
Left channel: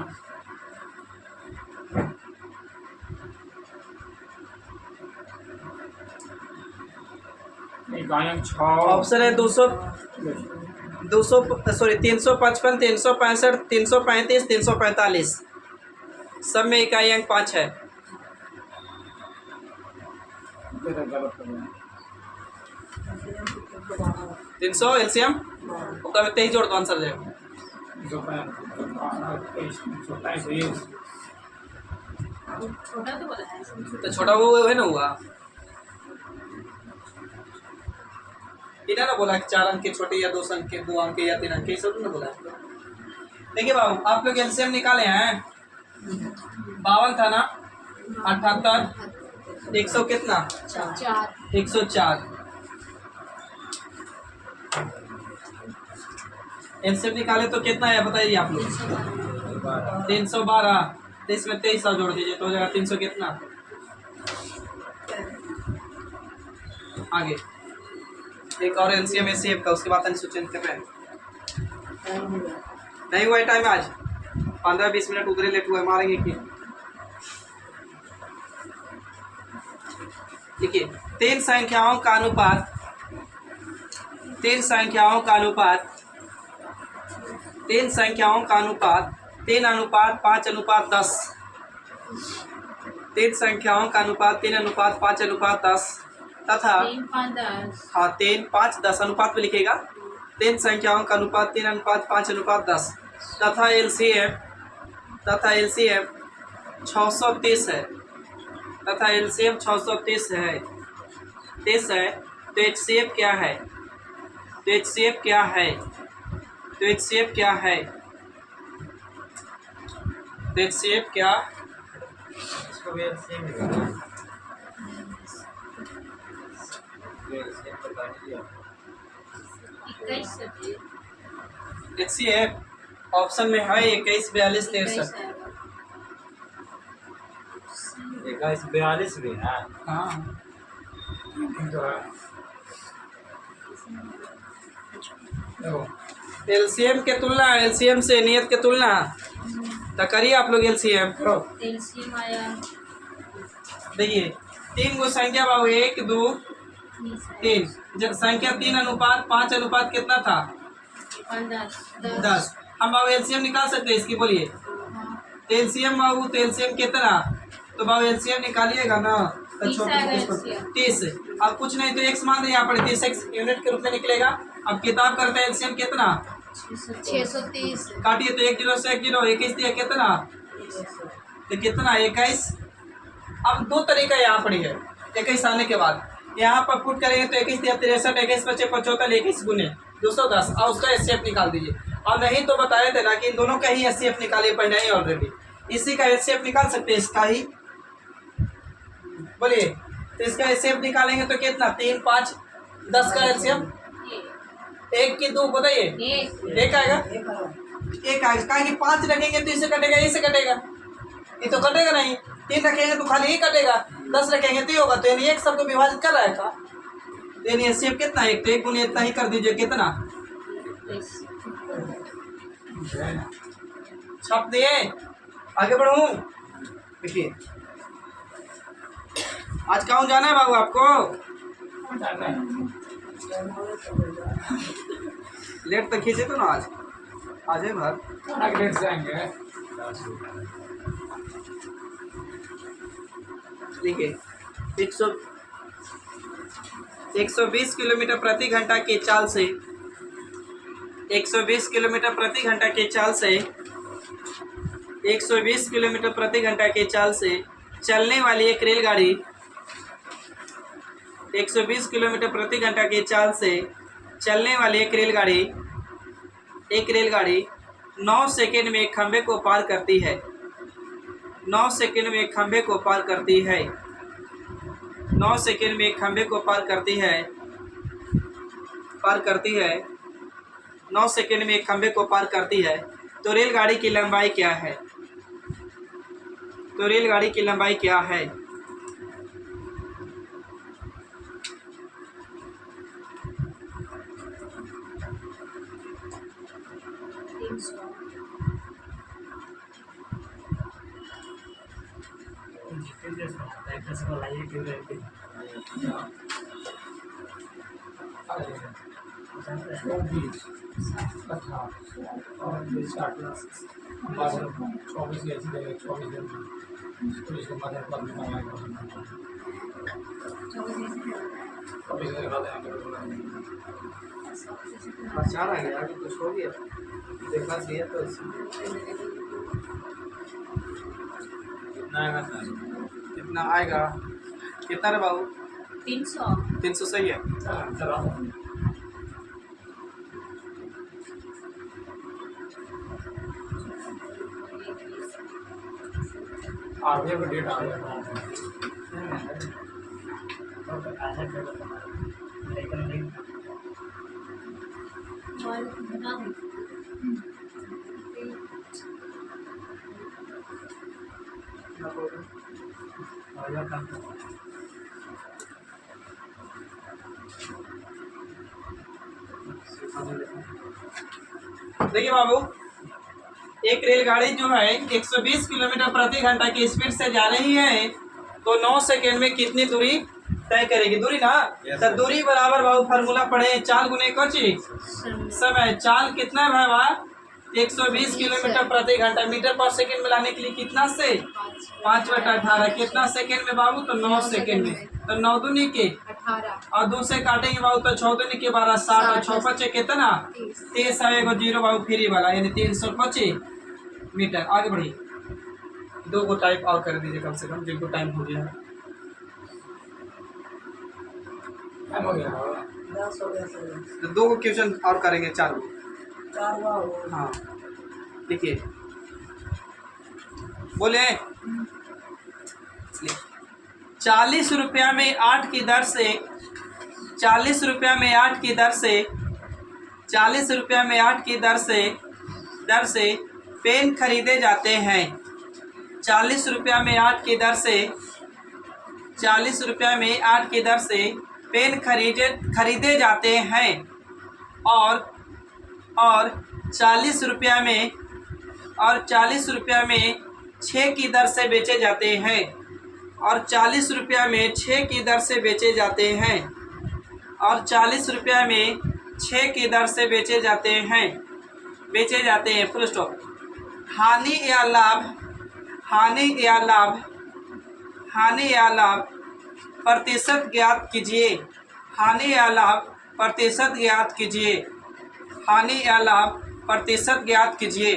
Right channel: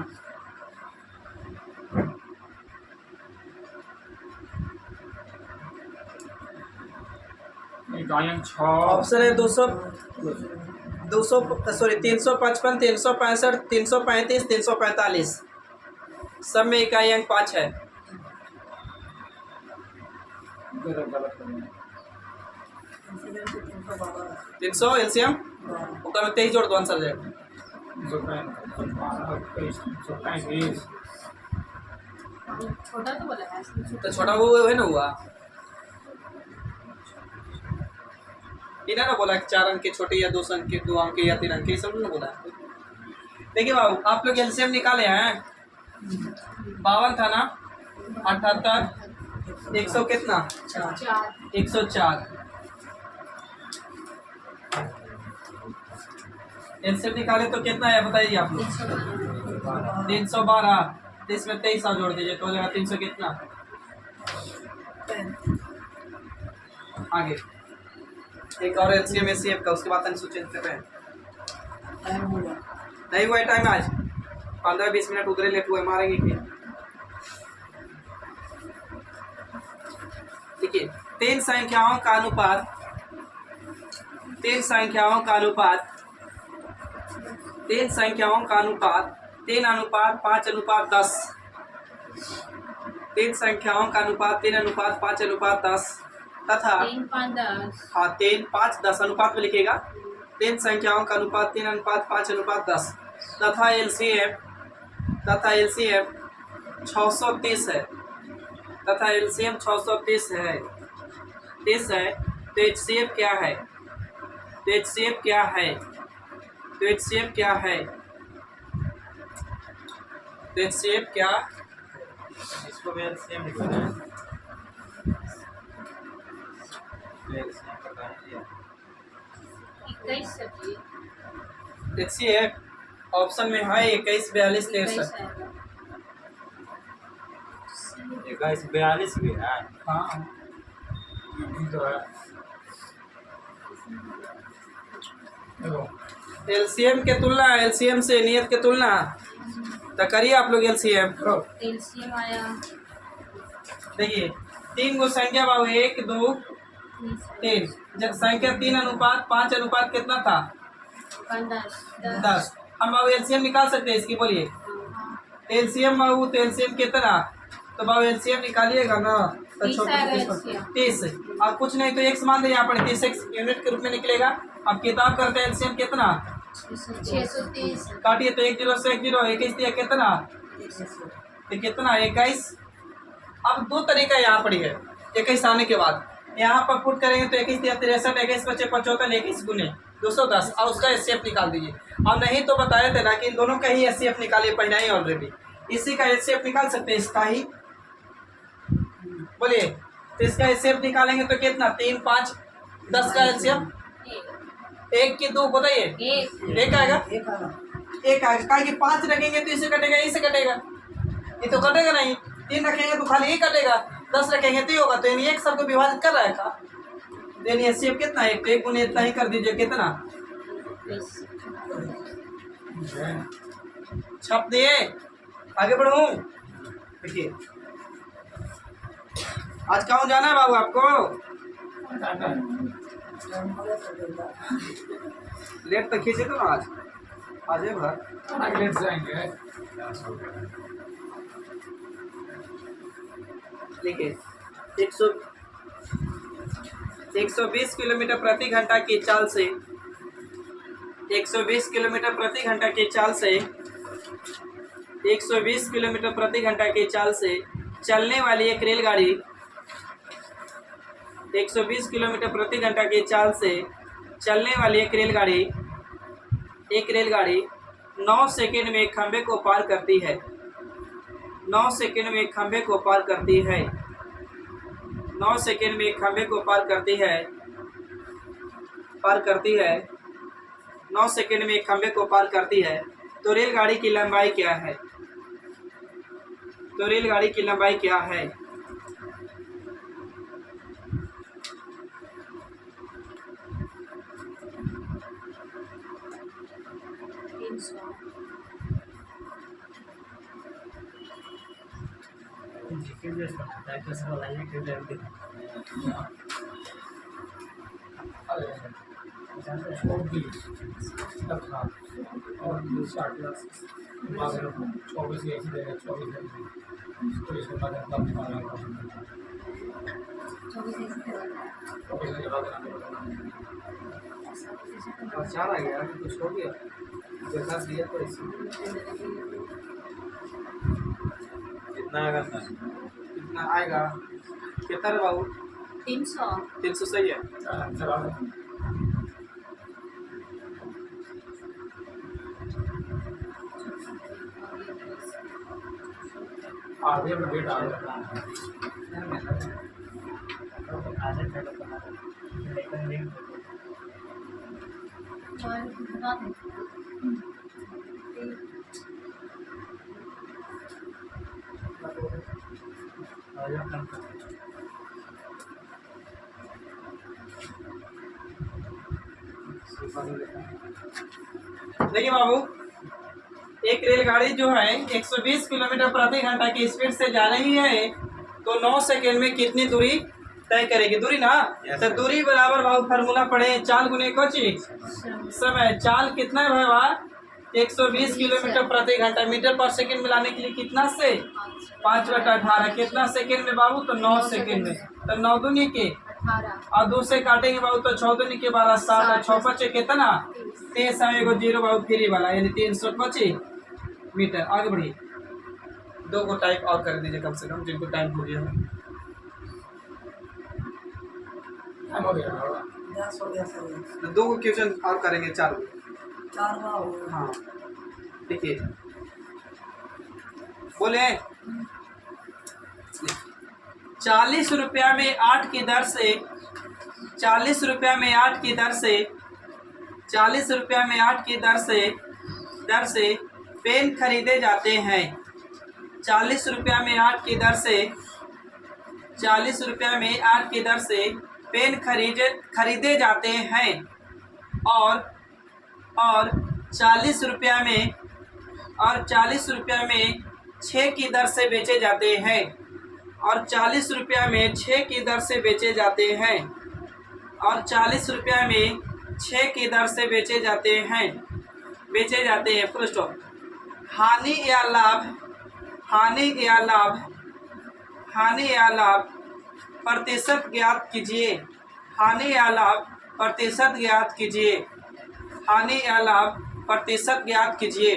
नहीं गायन 6 ऑप्शन है 200 सॉरी 355, 365, 335, 345। सब में इकाई अंक 5 है। गलत 300 एलसीएम ओकरा में 23 जोड़ दो, आंसर जाएगा। 235 छोटा तो बोला है। तो छोटा वो है ना हुआ, इन्हें ना बोला कि 4 अंक के छोटे या 2 अंक के, 2 अंक के या 3 अंक के, सब ने बोला। देखिए बाबू, आप लोग एलसीएम निकाले हैं। 52 था ना, 78, 100 कितना, 104। एलसीएम निकाले तो कितना है बताइए आप लोग। 312। तो इसमें 23 जोड़ दीजिए तो हो जाएगा 300 कितना। आगे एक और एलसीएम एचसीएफ का, उसके बाद अनुसूचन कर रहे हैं। नहीं हुआ है टाइम आज, 15-20 मिनट उधर लेट हुआ, मारेंगे कि देखिए 3 संख्याओं का अनुपात 3 संख्याओं का अनुपात 3 संख्याओं का अनुपात 3:5:10। 3 संख्याओं का अनुपात 3:5:10 तथा 3-5-10 हाँ 3:5:10 अनुपात में लिखेगा। 3 संख्याओं का अनुपात 3:5:10 तथा एलसीएम 630 है। तथा एलसीएम 630 है 30 है। तो एचसीएफ क्या है? तो एचसीएफ क्या है? तो एचसीएफ क्या है? तो एचसीएफ क्या? इसको भी एलसीएम निकालना है। तो एलसीएम पता नहीं दिया। 21 सब्जी एचसीएफ ऑप्शन में है 21, 42, 63। 21, 42 भी है। हाँ तो है देखो एलसीएम के तुलना, एलसीएम से नियत के तुलना तो करिए आप लोग एलसीएम। करो एलसीएम आया देखिए 3 गो संख्या बाबू 1 2 3, जब संख्या 3:5 अनुपात कितना था? 10। हम बाबू एलसीएम निकाल सकते हैं इसकी, बोलिए एलसीएम बाबू। तो एलसीएम कितना? तो बाबू एलसीएम निकालिएगा ना तो 30। अब कुछ नहीं तो x मान दे यहाँ पर, 30 यूनिट के रूप में निकलेगा। अब किताब करते हैं एलसीएम कितना, 630 काटिए तो 1 0 से 1 0, 21 दिया कितना, तो कितना 21। अब 2 तरीका यहाँ पर है 21 आने के बाद, यहाँ पर पुट करेंगे तो 21 दिया 63, 21 बचे 75, 21 गुने 210 और उसका एचसीएफ निकाल दीजिए। और नहीं तो बताए थे ना कि इन दोनों का ही एचसीएफ निकालिए पहले ही ऑलरेडी, इसी का एचसीएफ निकाल सकते हैं, इसका ही बोलिए। तो इसका एचसीएफ निकालेंगे तो कितना, 3 5 10 का एचसीएफ 1 की 2 बताइए, एक आएगा, एक आएगा। कहा कि 5 रखेंगे तो इसे कटेगा, इसे कटेगा, ये तो कटेगा नहीं। 3 रखेंगे तो खाली ही कटेगा, 10 रखेंगे तो ये होगा। तो यानी एक सबको विभाजित कर रहा है था, यानी एचसीएफ कितना, 1 तो 1 गुने इतना ही कर दीजिए, कितना छाप दिए। आगे बढ़ूं, देखिए आज कहाँ जाना है बाबू आपको? लेट तो खींचे तो ना आज आज है भर खाना के लेट से आएंगे। देखिए 120 किलोमीटर प्रति घंटा की चाल से 120 किलोमीटर प्रति घंटा की चाल से 120 किलोमीटर प्रति घंटा की चाल से चलने वाली एक रेलगाड़ी 120 किलोमीटर प्रति घंटा की चाल से चलने वाली एक रेलगाड़ी 9 सेकंड में एक खंभे को पार करती है 9 सेकंड में एक खंभे को पार करती है 9 सेकंड में एक खंभे को पार करती है 9 सेकंड में एक खंभे को पार करती है तो रेलगाड़ी की लंबाई क्या है? तो रेलगाड़ी की लंबाई क्या है? चौबीस तथा और 24 ऐसी जगह 24 तो इसके बाद मतलब निकालना है 24 लगा देना। चार आ गया अभी कुछ हो गया देखा दिया तो कितना आएगा सर? कितना आएगा? कितना रे बाबू? 300 सही है। चला आगे में डेट आ गया। देखिए बाबू एक रेलगाड़ी जो है 120 किलोमीटर प्रति घंटा की स्पीड से जा रही है तो 9 सेकंड में कितनी दूरी तय करेगी? दूरी ना तो दूरी बराबर बाबू फार्मूला पढ़े चाल गुने कोची समय। चाल कितना है भाई बा? 120 किलोमीटर प्रति घंटा मीटर पर सेकंड मिलाने के लिए कितना से 5/18 कितना सेकंड में बाबू? तो 9 सेकंड में। तो 9 दूनी के 18 और 2 से काटेंगे बाबू तो 6 दूनी के 12 60 और 6 बचे कितना 30 समय को 0 बाबू फ्री वाला यानी 325 मीटर। आगे बढ़िए 2 को टाइप और कर दीजिए कम से कम जिनको टाइम हो गया है। टाइम हो गया। 2 को क्वेश्चन और करेंगे 4 को। हाँ देखिए बोले 40 रुपया में 8 की दर से 40 रुपया में 8 की दर से 40 रुपया में 8 की दर से पेन खरीदे जाते हैं। 40 रुपया में 8 की दर से 40 रुपया में 8 की दर से पेन खरीदे जाते हैं और 40 रुपया में 6 की दर से बेचे जाते हैं और 40 रुपया में 6 की दर से बेचे जाते हैं और 40 रुपया में 6 की दर से बेचे जाते हैं फुल स्टॉप। हानि या लाभ प्रतिशत ज्ञात कीजिए। हानि या लाभ प्रतिशत ज्ञात कीजिए।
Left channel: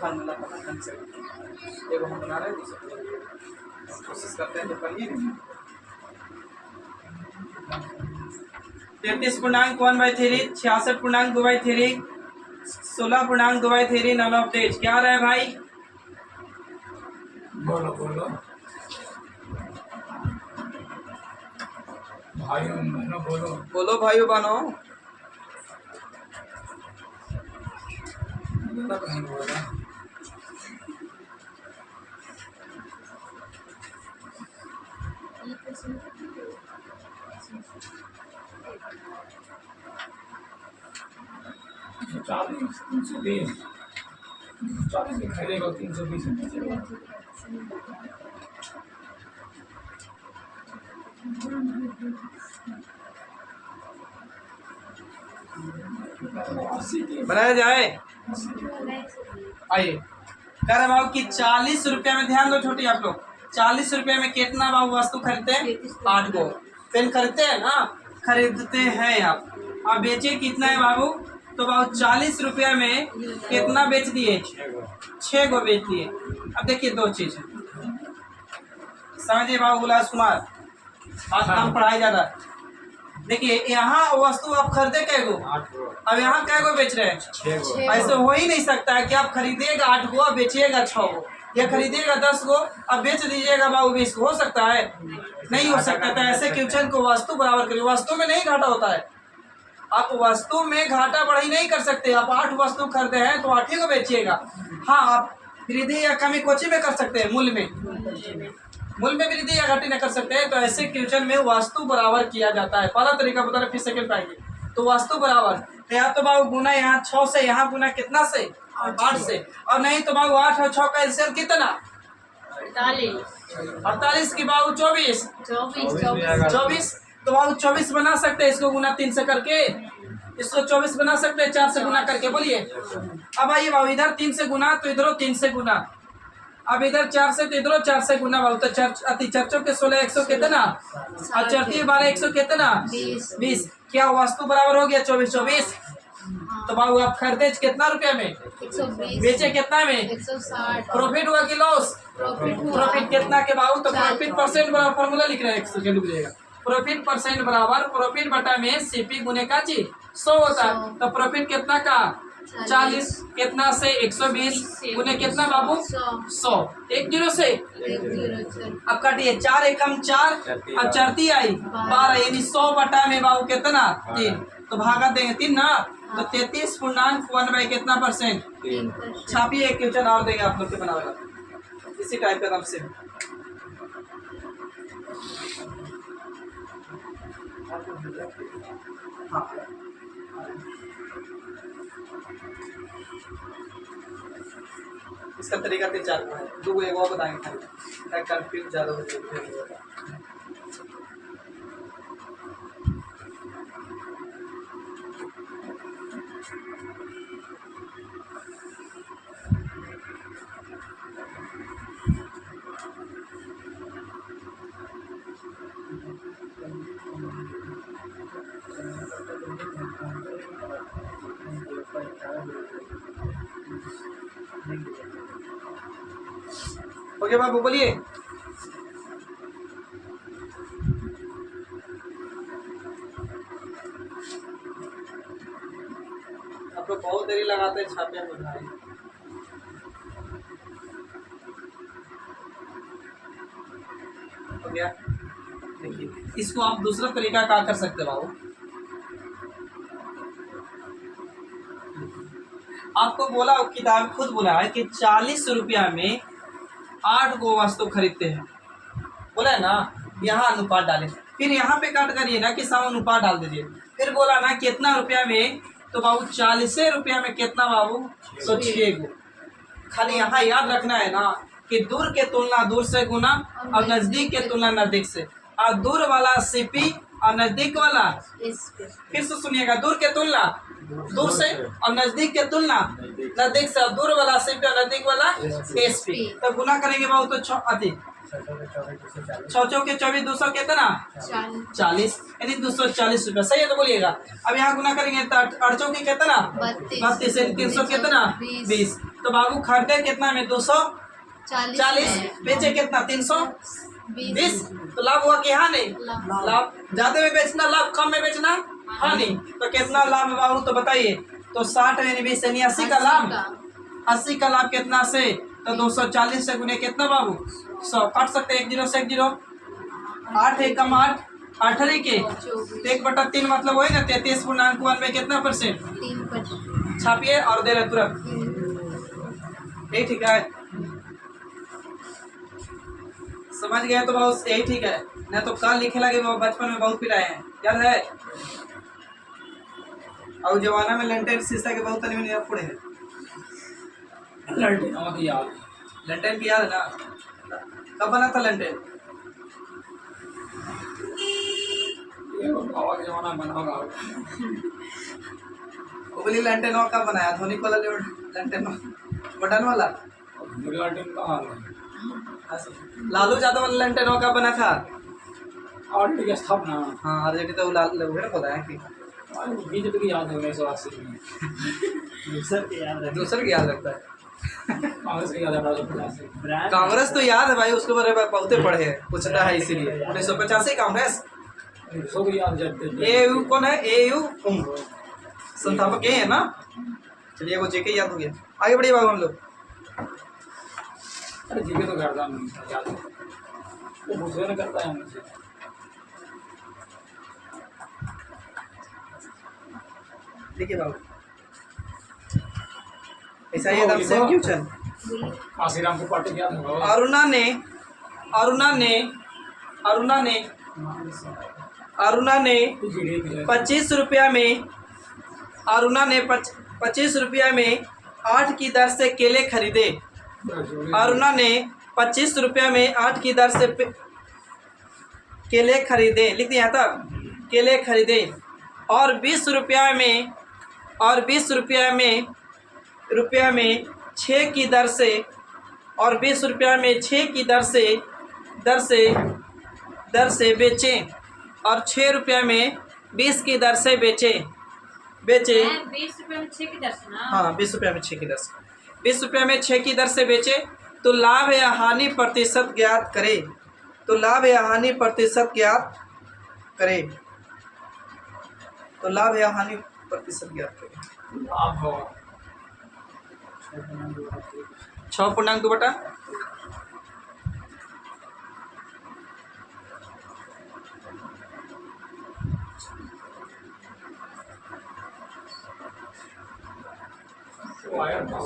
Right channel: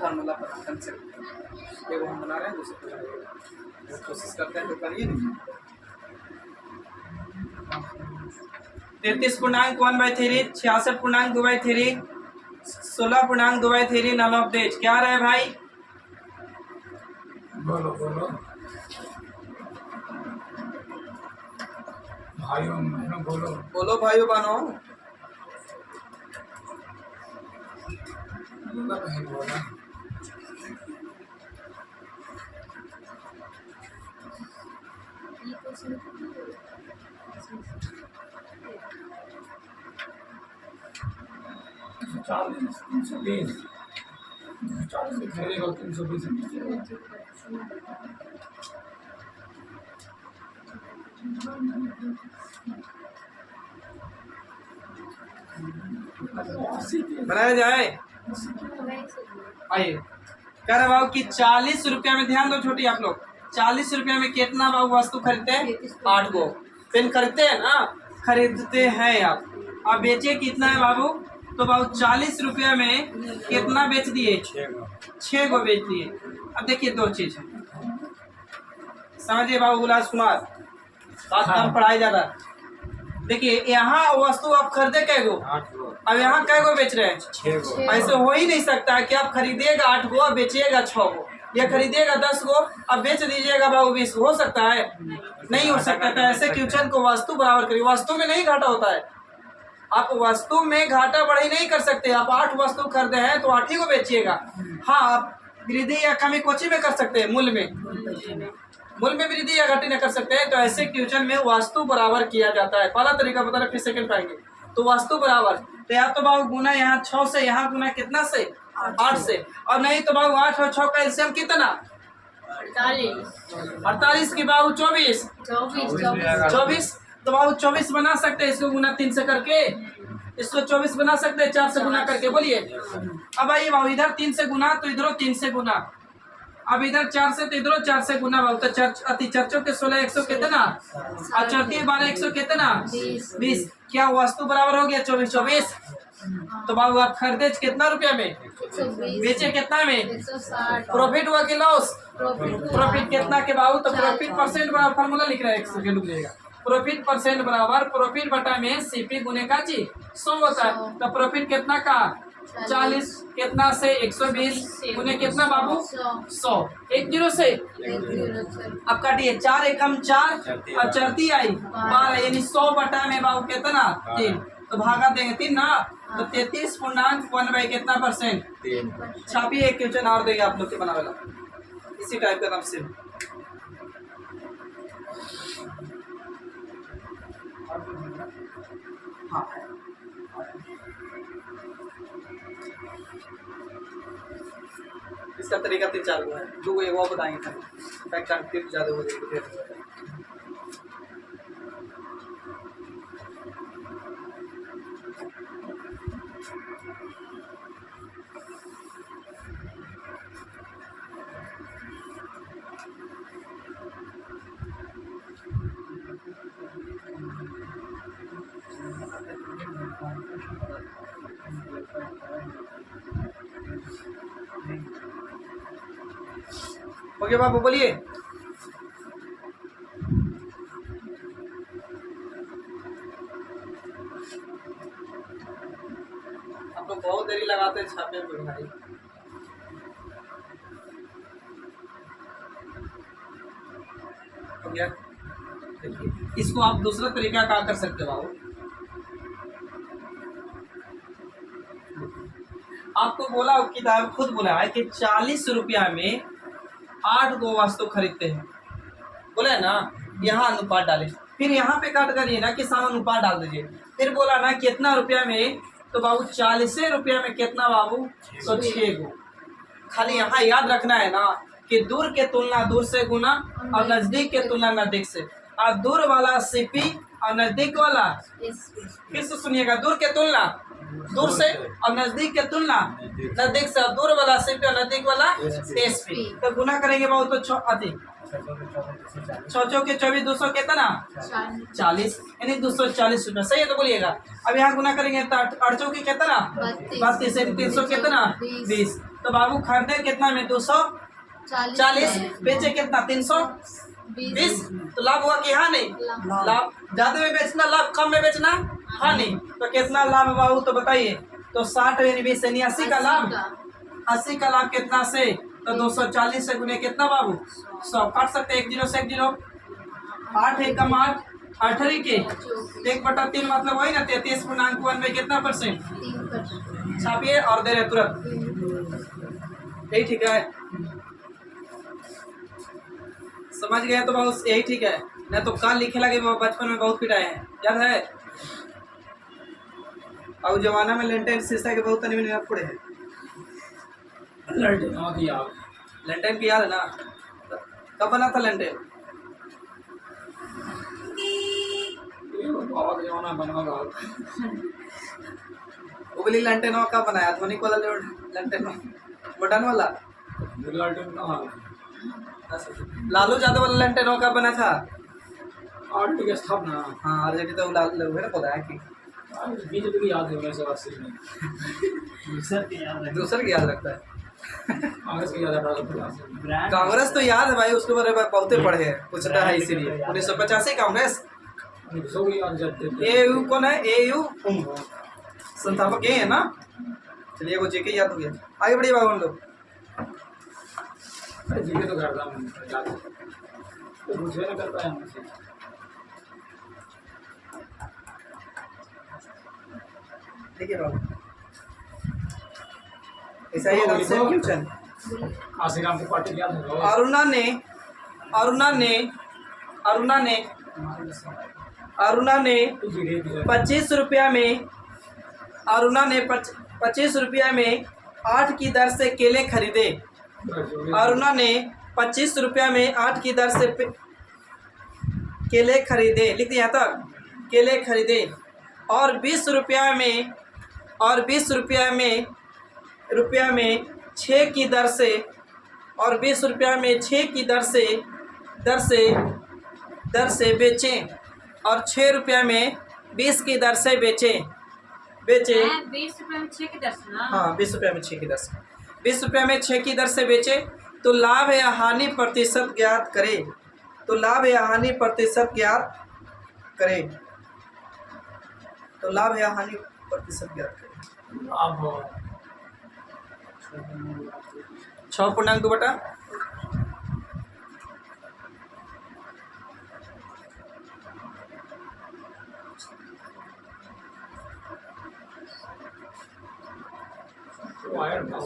फार्मूला पता कम से कम एगो हम बना रहे हैं दूसरा कोशिश करते हैं तो करिए 33.1/3 66.2/3 16.2/3 नॉन ऑफ डेज क्या रहे भाई? बोलो भाइयों बहनों बोलो भाइयों बहनों कहीं बोला 40 320 40 में खरीदेगा 320 में बेचेगा। बनाया जाए। आइए कह रहे भाव कि 40 रुपया में, ध्यान दो छोटी आप लोग, 40 रुपया में कितना भाव वस्तु खरीदते हैं? 8 गो पेन खरीदते हैं ना, खरीदते हैं आप बेचे कितना है बाबू? तो बाबू 40 रुपया में कितना बेच दिए? 6 गो बेच दिए। अब देखिए दो चीज है, समझिए बाबू उल्लास कुमार, बात कम पढ़ाई ज्यादा। देखिए यहाँ वस्तु आप खरीदे कै गो, 8 गो, अब यहाँ कै गो बेच रहे हैं? 6 गो। ऐसे हो ही नहीं सकता है कि आप खरीदिएगा 8 गो और बेचिएगा 6 गो, या खरीदिएगा 10 गो और बेच दीजिएगा बाबू 20 गो। हो सकता है? नहीं हो सकता। तो ऐसे क्वेश्चन को वस्तु बराबर करिए। वस्तु में नहीं घाटा होता है, आप वस्तु में घाटा बढ़ी नहीं कर सकते। आप 8 वस्तु खरीदे हैं तो 8 ही को बेचिएगा। हाँ, आप वृद्धि या कमी कोची में कर सकते हैं, मूल्य में, मूल्य में वृद्धि या घटी न कर सकते हैं। तो ऐसे क्वेश्चन में वस्तु बराबर किया जाता है। पहला तरीका बता रहे, फिर सेकंड पाएंगे। तो वस्तु बराबर, तो या तो बाबू गुना यहाँ 6 से, यहाँ गुना कितना से? 8 से, और नहीं तो बाबू 8 और 6 का एलसीएम कितना? 48 की बाबू 24, 24। तो बाबू 24 बना सकते हैं, इसको गुना 3 से करके, इसको 24 बना सकते हैं 4 से गुना करके। बोलिए अब आइए बाबू, इधर 3 से गुना तो इधरों 3 से गुना, अब इधर 4 से तो इधरों 4 से गुना बाबू। तो चर्चों के 16 100 कितना, और चौथी 12 100 कितना? 20। क्या वस्तु बराबर हो गया? 24 24। तो बाबू आप खरीदे कितना रुपया में, बेचे कितना में? 160। प्रॉफिट हुआ कि लॉस? प्रॉफिट कितना के बाबू? तो प्रॉफिट परसेंट बराबर फार्मूला लिख रहे हैं, 1 सेकंड रुक जाइएगा। प्रॉफिट परसेंट बराबर प्रॉफिट बटा में सीपी गुने का चीज 100 होता है। तो प्रॉफिट कितना का? 40 कितना से? 120 गुने कितना बाबू? 100। 1 0 से अब काटिए, 4 एकम 4 और चरती आई 12, यानी 100 बटा में बाबू कितना? 3। तो भागा देंगे 3 ना, तो 33.1 कितना परसेंट? 3। छापिए एक क्वेश्चन और देंगे आप लोग के बना वाला, इसी टाइप का नाम से। हाँ इसका तरीका 3-4 गो है, 2 गो एगो बताएंगे खाली, कंफ्यूज ज़्यादा हो जाएगी। ओके बाबू बोलिए। आप लोग बहुत देरी लगाते हैं छापे में भाई। हो गया? देखिए इसको आप दूसरा तरीका क्या कर सकते हो बाबू, आपको बोला किताब खुद बोला है कि 40 रुपया में 8 गो वस्तु खरीदते हैं, बोला है ना। यहाँ अनुपात डाले, फिर यहाँ पे काट करिए ना कि समानुपात डाल दीजिए। फिर बोला ना कितना रुपया में, तो बाबू 40 रुपया में कितना बाबू? तो 6 गो। खाली यहाँ याद रखना है ना कि दूर के तुलना दूर से गुना और नजदीक के तुलना नजदीक से, और दूर वाला सीपी और नजदीक वाला, फिर से सुनिएगा, दूर के तुलना दूर से और नजदीक के तुलना नजदीक से, दूर वाला सीपी और नजदीक वाला एसपी। तो गुना करेंगे बाबू तो 6 के 24 200 कितना? 40, यानी 240 रुपया। सही है तो बोलिएगा। अब यहाँ गुना करेंगे तो 8 की कितना? 32, यानी 300 कितना? 20। तो बाबू खरीदे कितना में? 240, बेचे कितना? 320। तो लाभ हुआ कि हानि? लाभ। ज्यादा में बेचना लाभ, कम में बेचना हानि। तो कितना लाभ बाबू तो बताइए। तो 60 यानी 20 यानी 80 का लाभ। 80 का लाभ कितना से? तो 240 से गुने कितना बाबू? 100। काट सकते हैं 1 0 से 1 0। 8 एकम 8, 8 के 1/3 मतलब वही ना 33.1 में कितना परसेंट? छापिए और दे रहे तुरंत। यही ठीक है, समझ गए तो बहुत यही ठीक है। नहीं तो कल लिखे लगे बचपन में बहुत पिटाए हैं, याद है? और जमाना में लेंटेन शीशा के बहुत नहीं मिले पड़े हैं। लड़के नमक याद लेंटेन की याद है ना, कब बना था लेंटेन? ये बाबा के जमाना में बना होगा। उगली लेंटेन कब बनाया? धोनी वाला लेंटेन बटन वाला। लड़के कहाँ लालू यादव वाला लेंटेन कब बना था? आरटी की स्थापना हाँ आरजेडी तो लाल है पता है कि बीजेपी की याद है 1980 में। दूसर की याद रखता है। कांग्रेस की याद है 1850 कांग्रेस तो याद है भाई, उसके बारे में बहुते पढ़े हैं, पूछता है इसीलिए। 1985 कांग्रेस। में। सब याद जाते थे। एयू कौन है? एयू संस्थापक ये है ना। चलिए वो जेके याद हो गया, आगे बढ़िए बाबू हम लोग। अरे जीके तो करता हूँ याद है। वो मुझे ना करता है मुझसे। देखिए बाबू, ऐसा ये नाम सेम क्वेश्चन। काशीराम को पार्टी याद है। अरुणा ने अरुणा ने अरुणा ने अरुणा ने 25 रुपया में अरुणा ने 25 रुपया में 8 की दर से केले खरीदे। अरुणा ने 25 रुपया में 8 की दर से केले खरीदे, लिख दिया तक, केले खरीदे। और 20 रुपया में 6 की दर से, और 20 रुपया में 6 की दर से बेचें, और 6 रुपया में 20 की दर से बेचे। 20 रुपए में 6 की दर्शन। हाँ 20 रुपया में 6 की दर से, 20 रुपया में 6 की दर से बेचे। तो लाभ या हानि प्रतिशत ज्ञात करे। तो लाभ या हानि प्रतिशत ज्ञात करे। तो लाभ या हानि प्रतिशत ज्ञात करे। लाभ 6.2 बटा तो आया था।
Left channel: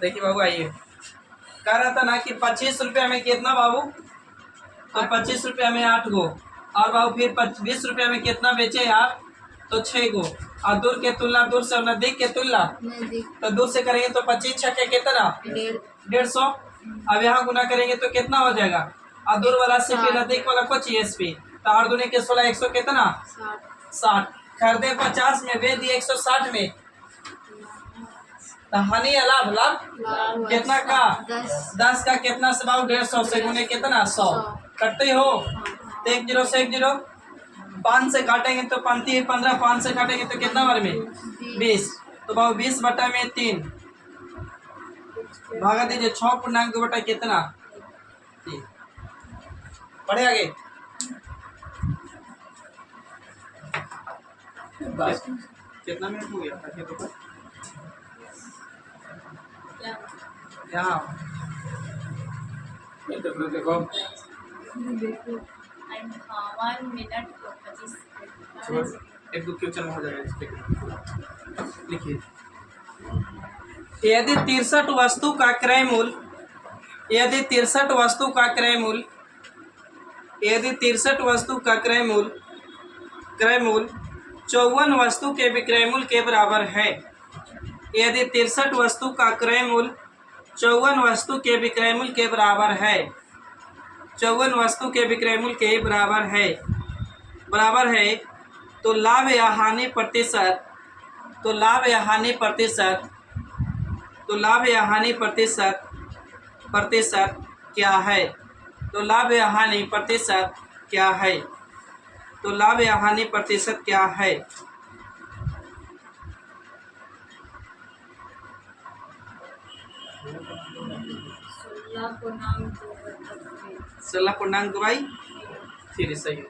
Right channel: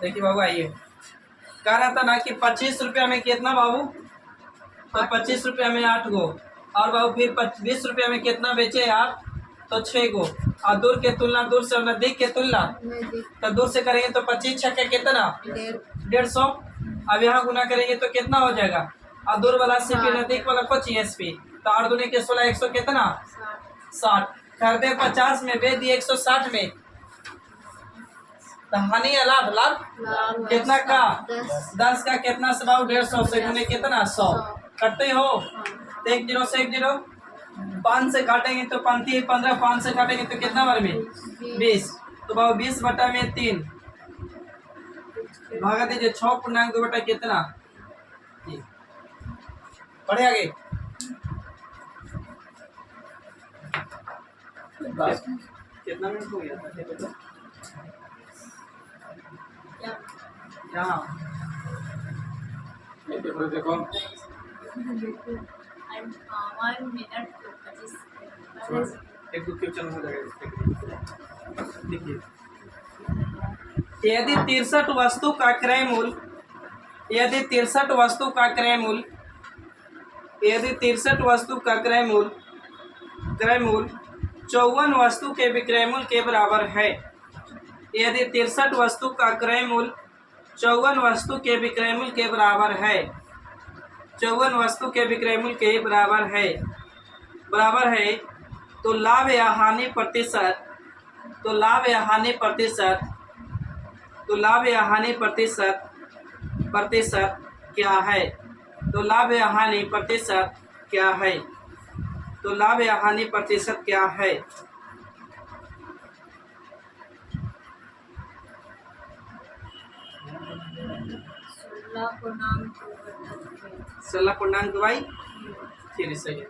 देखिए बाबू, आइए, कह रहा था ना कि 25 रुपया में कितना बाबू? तो 25 रुपया में 8 गो, और बाबू फिर 20 रुपया में कितना बेचे आप? तो 6 गो। और दूर के तुलना, दूर से नजदीक के तुलना, तो दूर से करेंगे तो 25 छक्के कितना? 150। अब यहाँ गुना करेंगे तो कितना हो जाएगा? और दूर वाला सीपी, नजदीक वाला को एसपी, तो 8 दूनी के 16, 100 कितना? 60। खरीदे 50 में, बेच दिए 160 में। तो हानि या लाभ? लाभ कितना का? 10 का कितना से बाबू? 150 से गुने कितना? 100। कटते हो तो 1 0 से 1 0, 5 से काटेंगे तो 5 15, 5 से काटेंगे तो कितना बार में? 20। तो बाबू 20 बटा में 3 भागा दीजिए। 6.2 बटा कितना? 3। पढ़े आगे। कितना मिनट हो गया था? यहाँ देखो देखो 1 मिनट 25 सेकंड। एक दो क्वेश्चन हो जाएगा। लिखिए, यदि 63 वस्तु का क्रय मूल्य, यदि 63 वस्तु का क्रय मूल्य, यदि 63 वस्तु का क्रय मूल्य 54 वस्तु के विक्रय मूल्य के बराबर है। यदि 63 वस्तु का क्रय मूल्य 54 वस्तु के विक्रय मूल्य के बराबर है, 54 वस्तु के विक्रय मूल्य के बराबर है, तो लाभ या हानि प्रतिशत, तो लाभ या हानि प्रतिशत, तो लाभ या हानि प्रतिशत क्या है? तो लाभ या हानि प्रतिशत क्या है? तो लाभ या हानि प्रतिशत क्या है? 16.2 भाई, फिर सही है।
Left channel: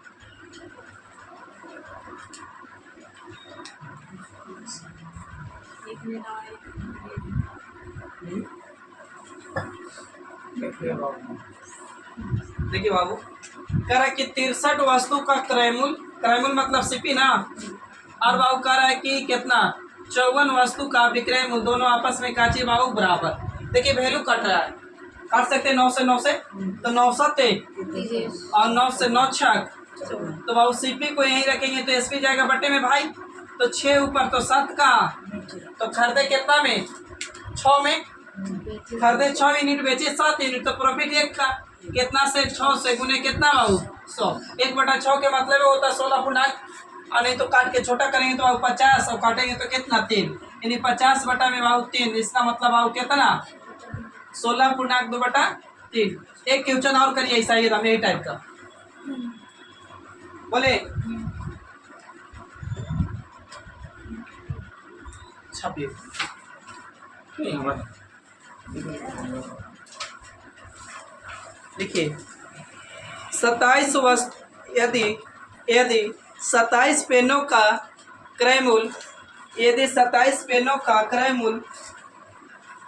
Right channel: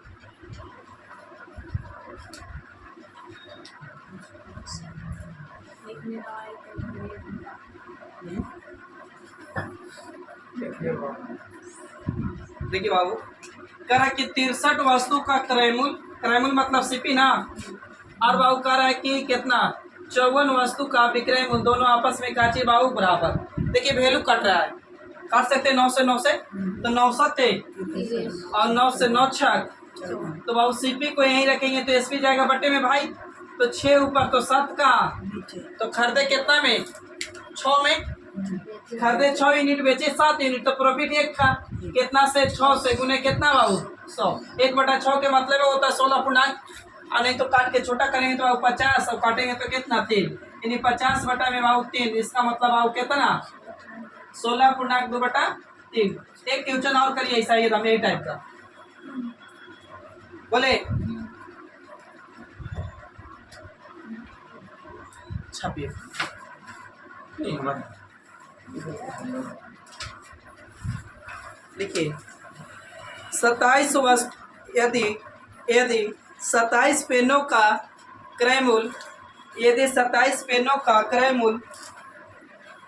देखिए बाबू देखिए बाबू, कह रहा है कि 63 वस्तु का क्रयमूल, क्रयमूल मतलब सीपी ना, और बाबू कह रहा है कि कितना 54 वस्तु का विक्रय मूल्य, दोनों आपस में काची बाबू बराबर। देखिए वैल्यू कट रहा है, काट सकते हैं 9 से 9 से, तो 9 7 और 9 से 9 छक, तो बाबू सीपी को यहीं रखेंगे तो एसपी जाएगा बट्टे में भाई, तो 6 ऊपर तो 7 का, तो खरीदे कितना में 6 में, खरीदे 6 यूनिट बेचे 7 यूनिट, तो प्रॉफिट 1 का, कितना से 6 से गुने कितना बाबू 100, 1/6 के मतलब है होता है 16 पूर्णांक, और नहीं तो काट के छोटा करेंगे तो बाबू 50 और काटेंगे तो कितना 3, यानी 50 बटा में बाबू 3, इसका मतलब बाबू कितना 16.2/3। एक क्वेश्चन और करिए ऐसा ही यही टाइप का, बोले छापिए देखिए 27 वस्तु, यदि 27 पेनों का क्रय मूल्य, यदि 27 पेनों का क्रय मूल्य,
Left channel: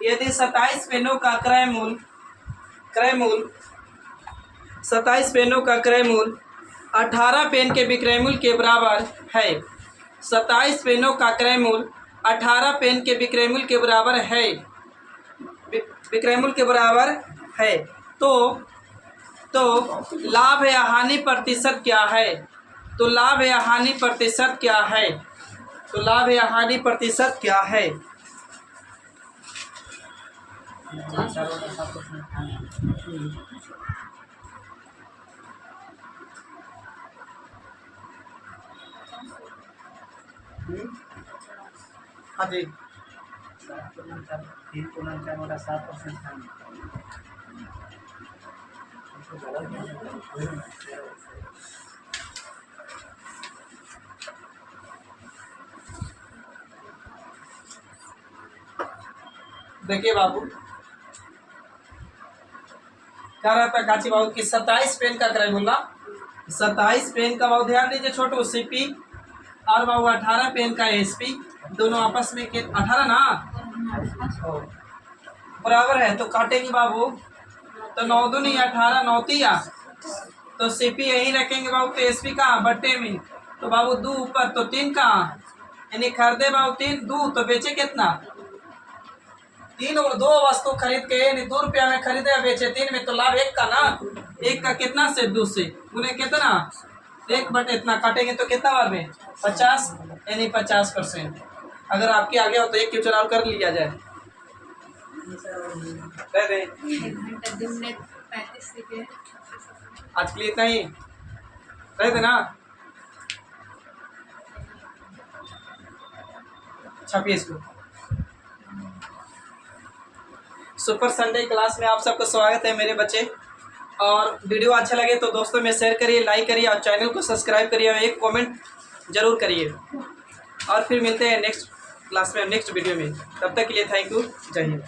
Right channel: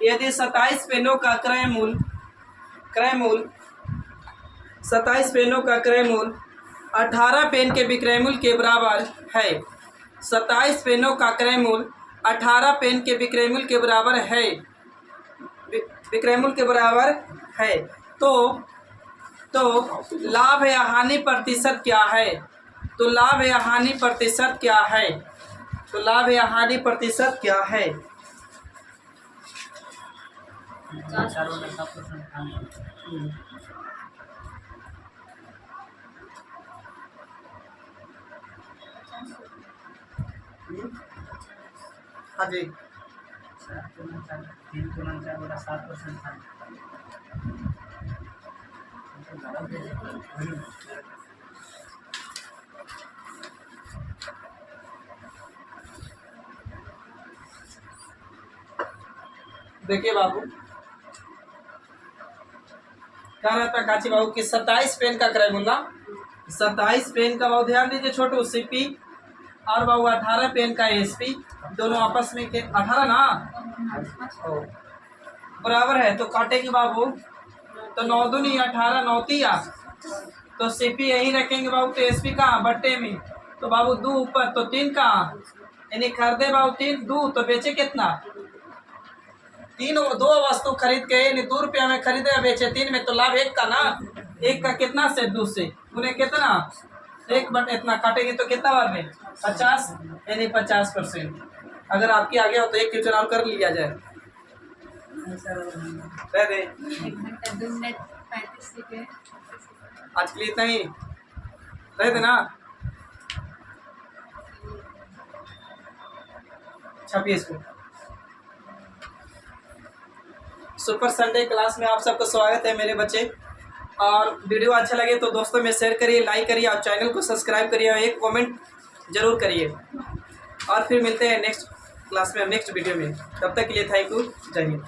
यदि 27 पेनों का क्रय मूल्य 27 पेनों का क्रय मूल्य 18 पेन के विक्रय मूल्य के बराबर है, 27 पेनों का क्रय मूल्य 18 पेन के विक्रय मूल्य के बराबर है, विक्रय मूल्य के बराबर है, तो लाभ या हानि प्रतिशत क्या है, तो लाभ या हानि प्रतिशत क्या है, तो लाभ या हानि प्रतिशत क्या है। हाँ जी 3 देखिए बाबू, कह रहा था काची बाबू कि 27 पेन का क्रय मूल्य, 27 पेन का बाबू ध्यान दीजिए छोटू सीपी, और बाबू 18 पेन का एसपी, दोनों आपस में के 18 ना बराबर है, तो काटेंगे बाबू, तो 9 दूनी 18 9 तिया, तो सीपी यही रखेंगे बाबू, तो एसपी कहाँ बट्टे में, तो बाबू 2 ऊपर तो 3 कहाँ, यानी खरीदे बाबू 3 2 तो बेचे कितना 3, 2 वस्तु खरीद के यानी 2 रुपया में खरीदे या बेचे 3 में, तो लाभ 1 का ना, 1 का कितना से 2 से उन्हें कितना 1 बटे इतना, काटेंगे तो कितना बार में 50, यानी 50%। अगर आपके आगे हो तो एक क्वेश्चन और कर लिया जाए। दे दे 1 घंटा 2 मिनट 35 सेकेंड। आज के लिए इतना ही, रह देना छापिए इसको। सुपर संडे क्लास में आप सबका स्वागत है मेरे बच्चे, और वीडियो अच्छा लगे तो दोस्तों में शेयर करिए, लाइक करिए और चैनल को सब्सक्राइब करिए और एक कमेंट जरूर करिए, और फिर मिलते हैं नेक्स्ट क्लास में नेक्स्ट वीडियो में। तब तक के लिए थैंक यू, जय हिंद।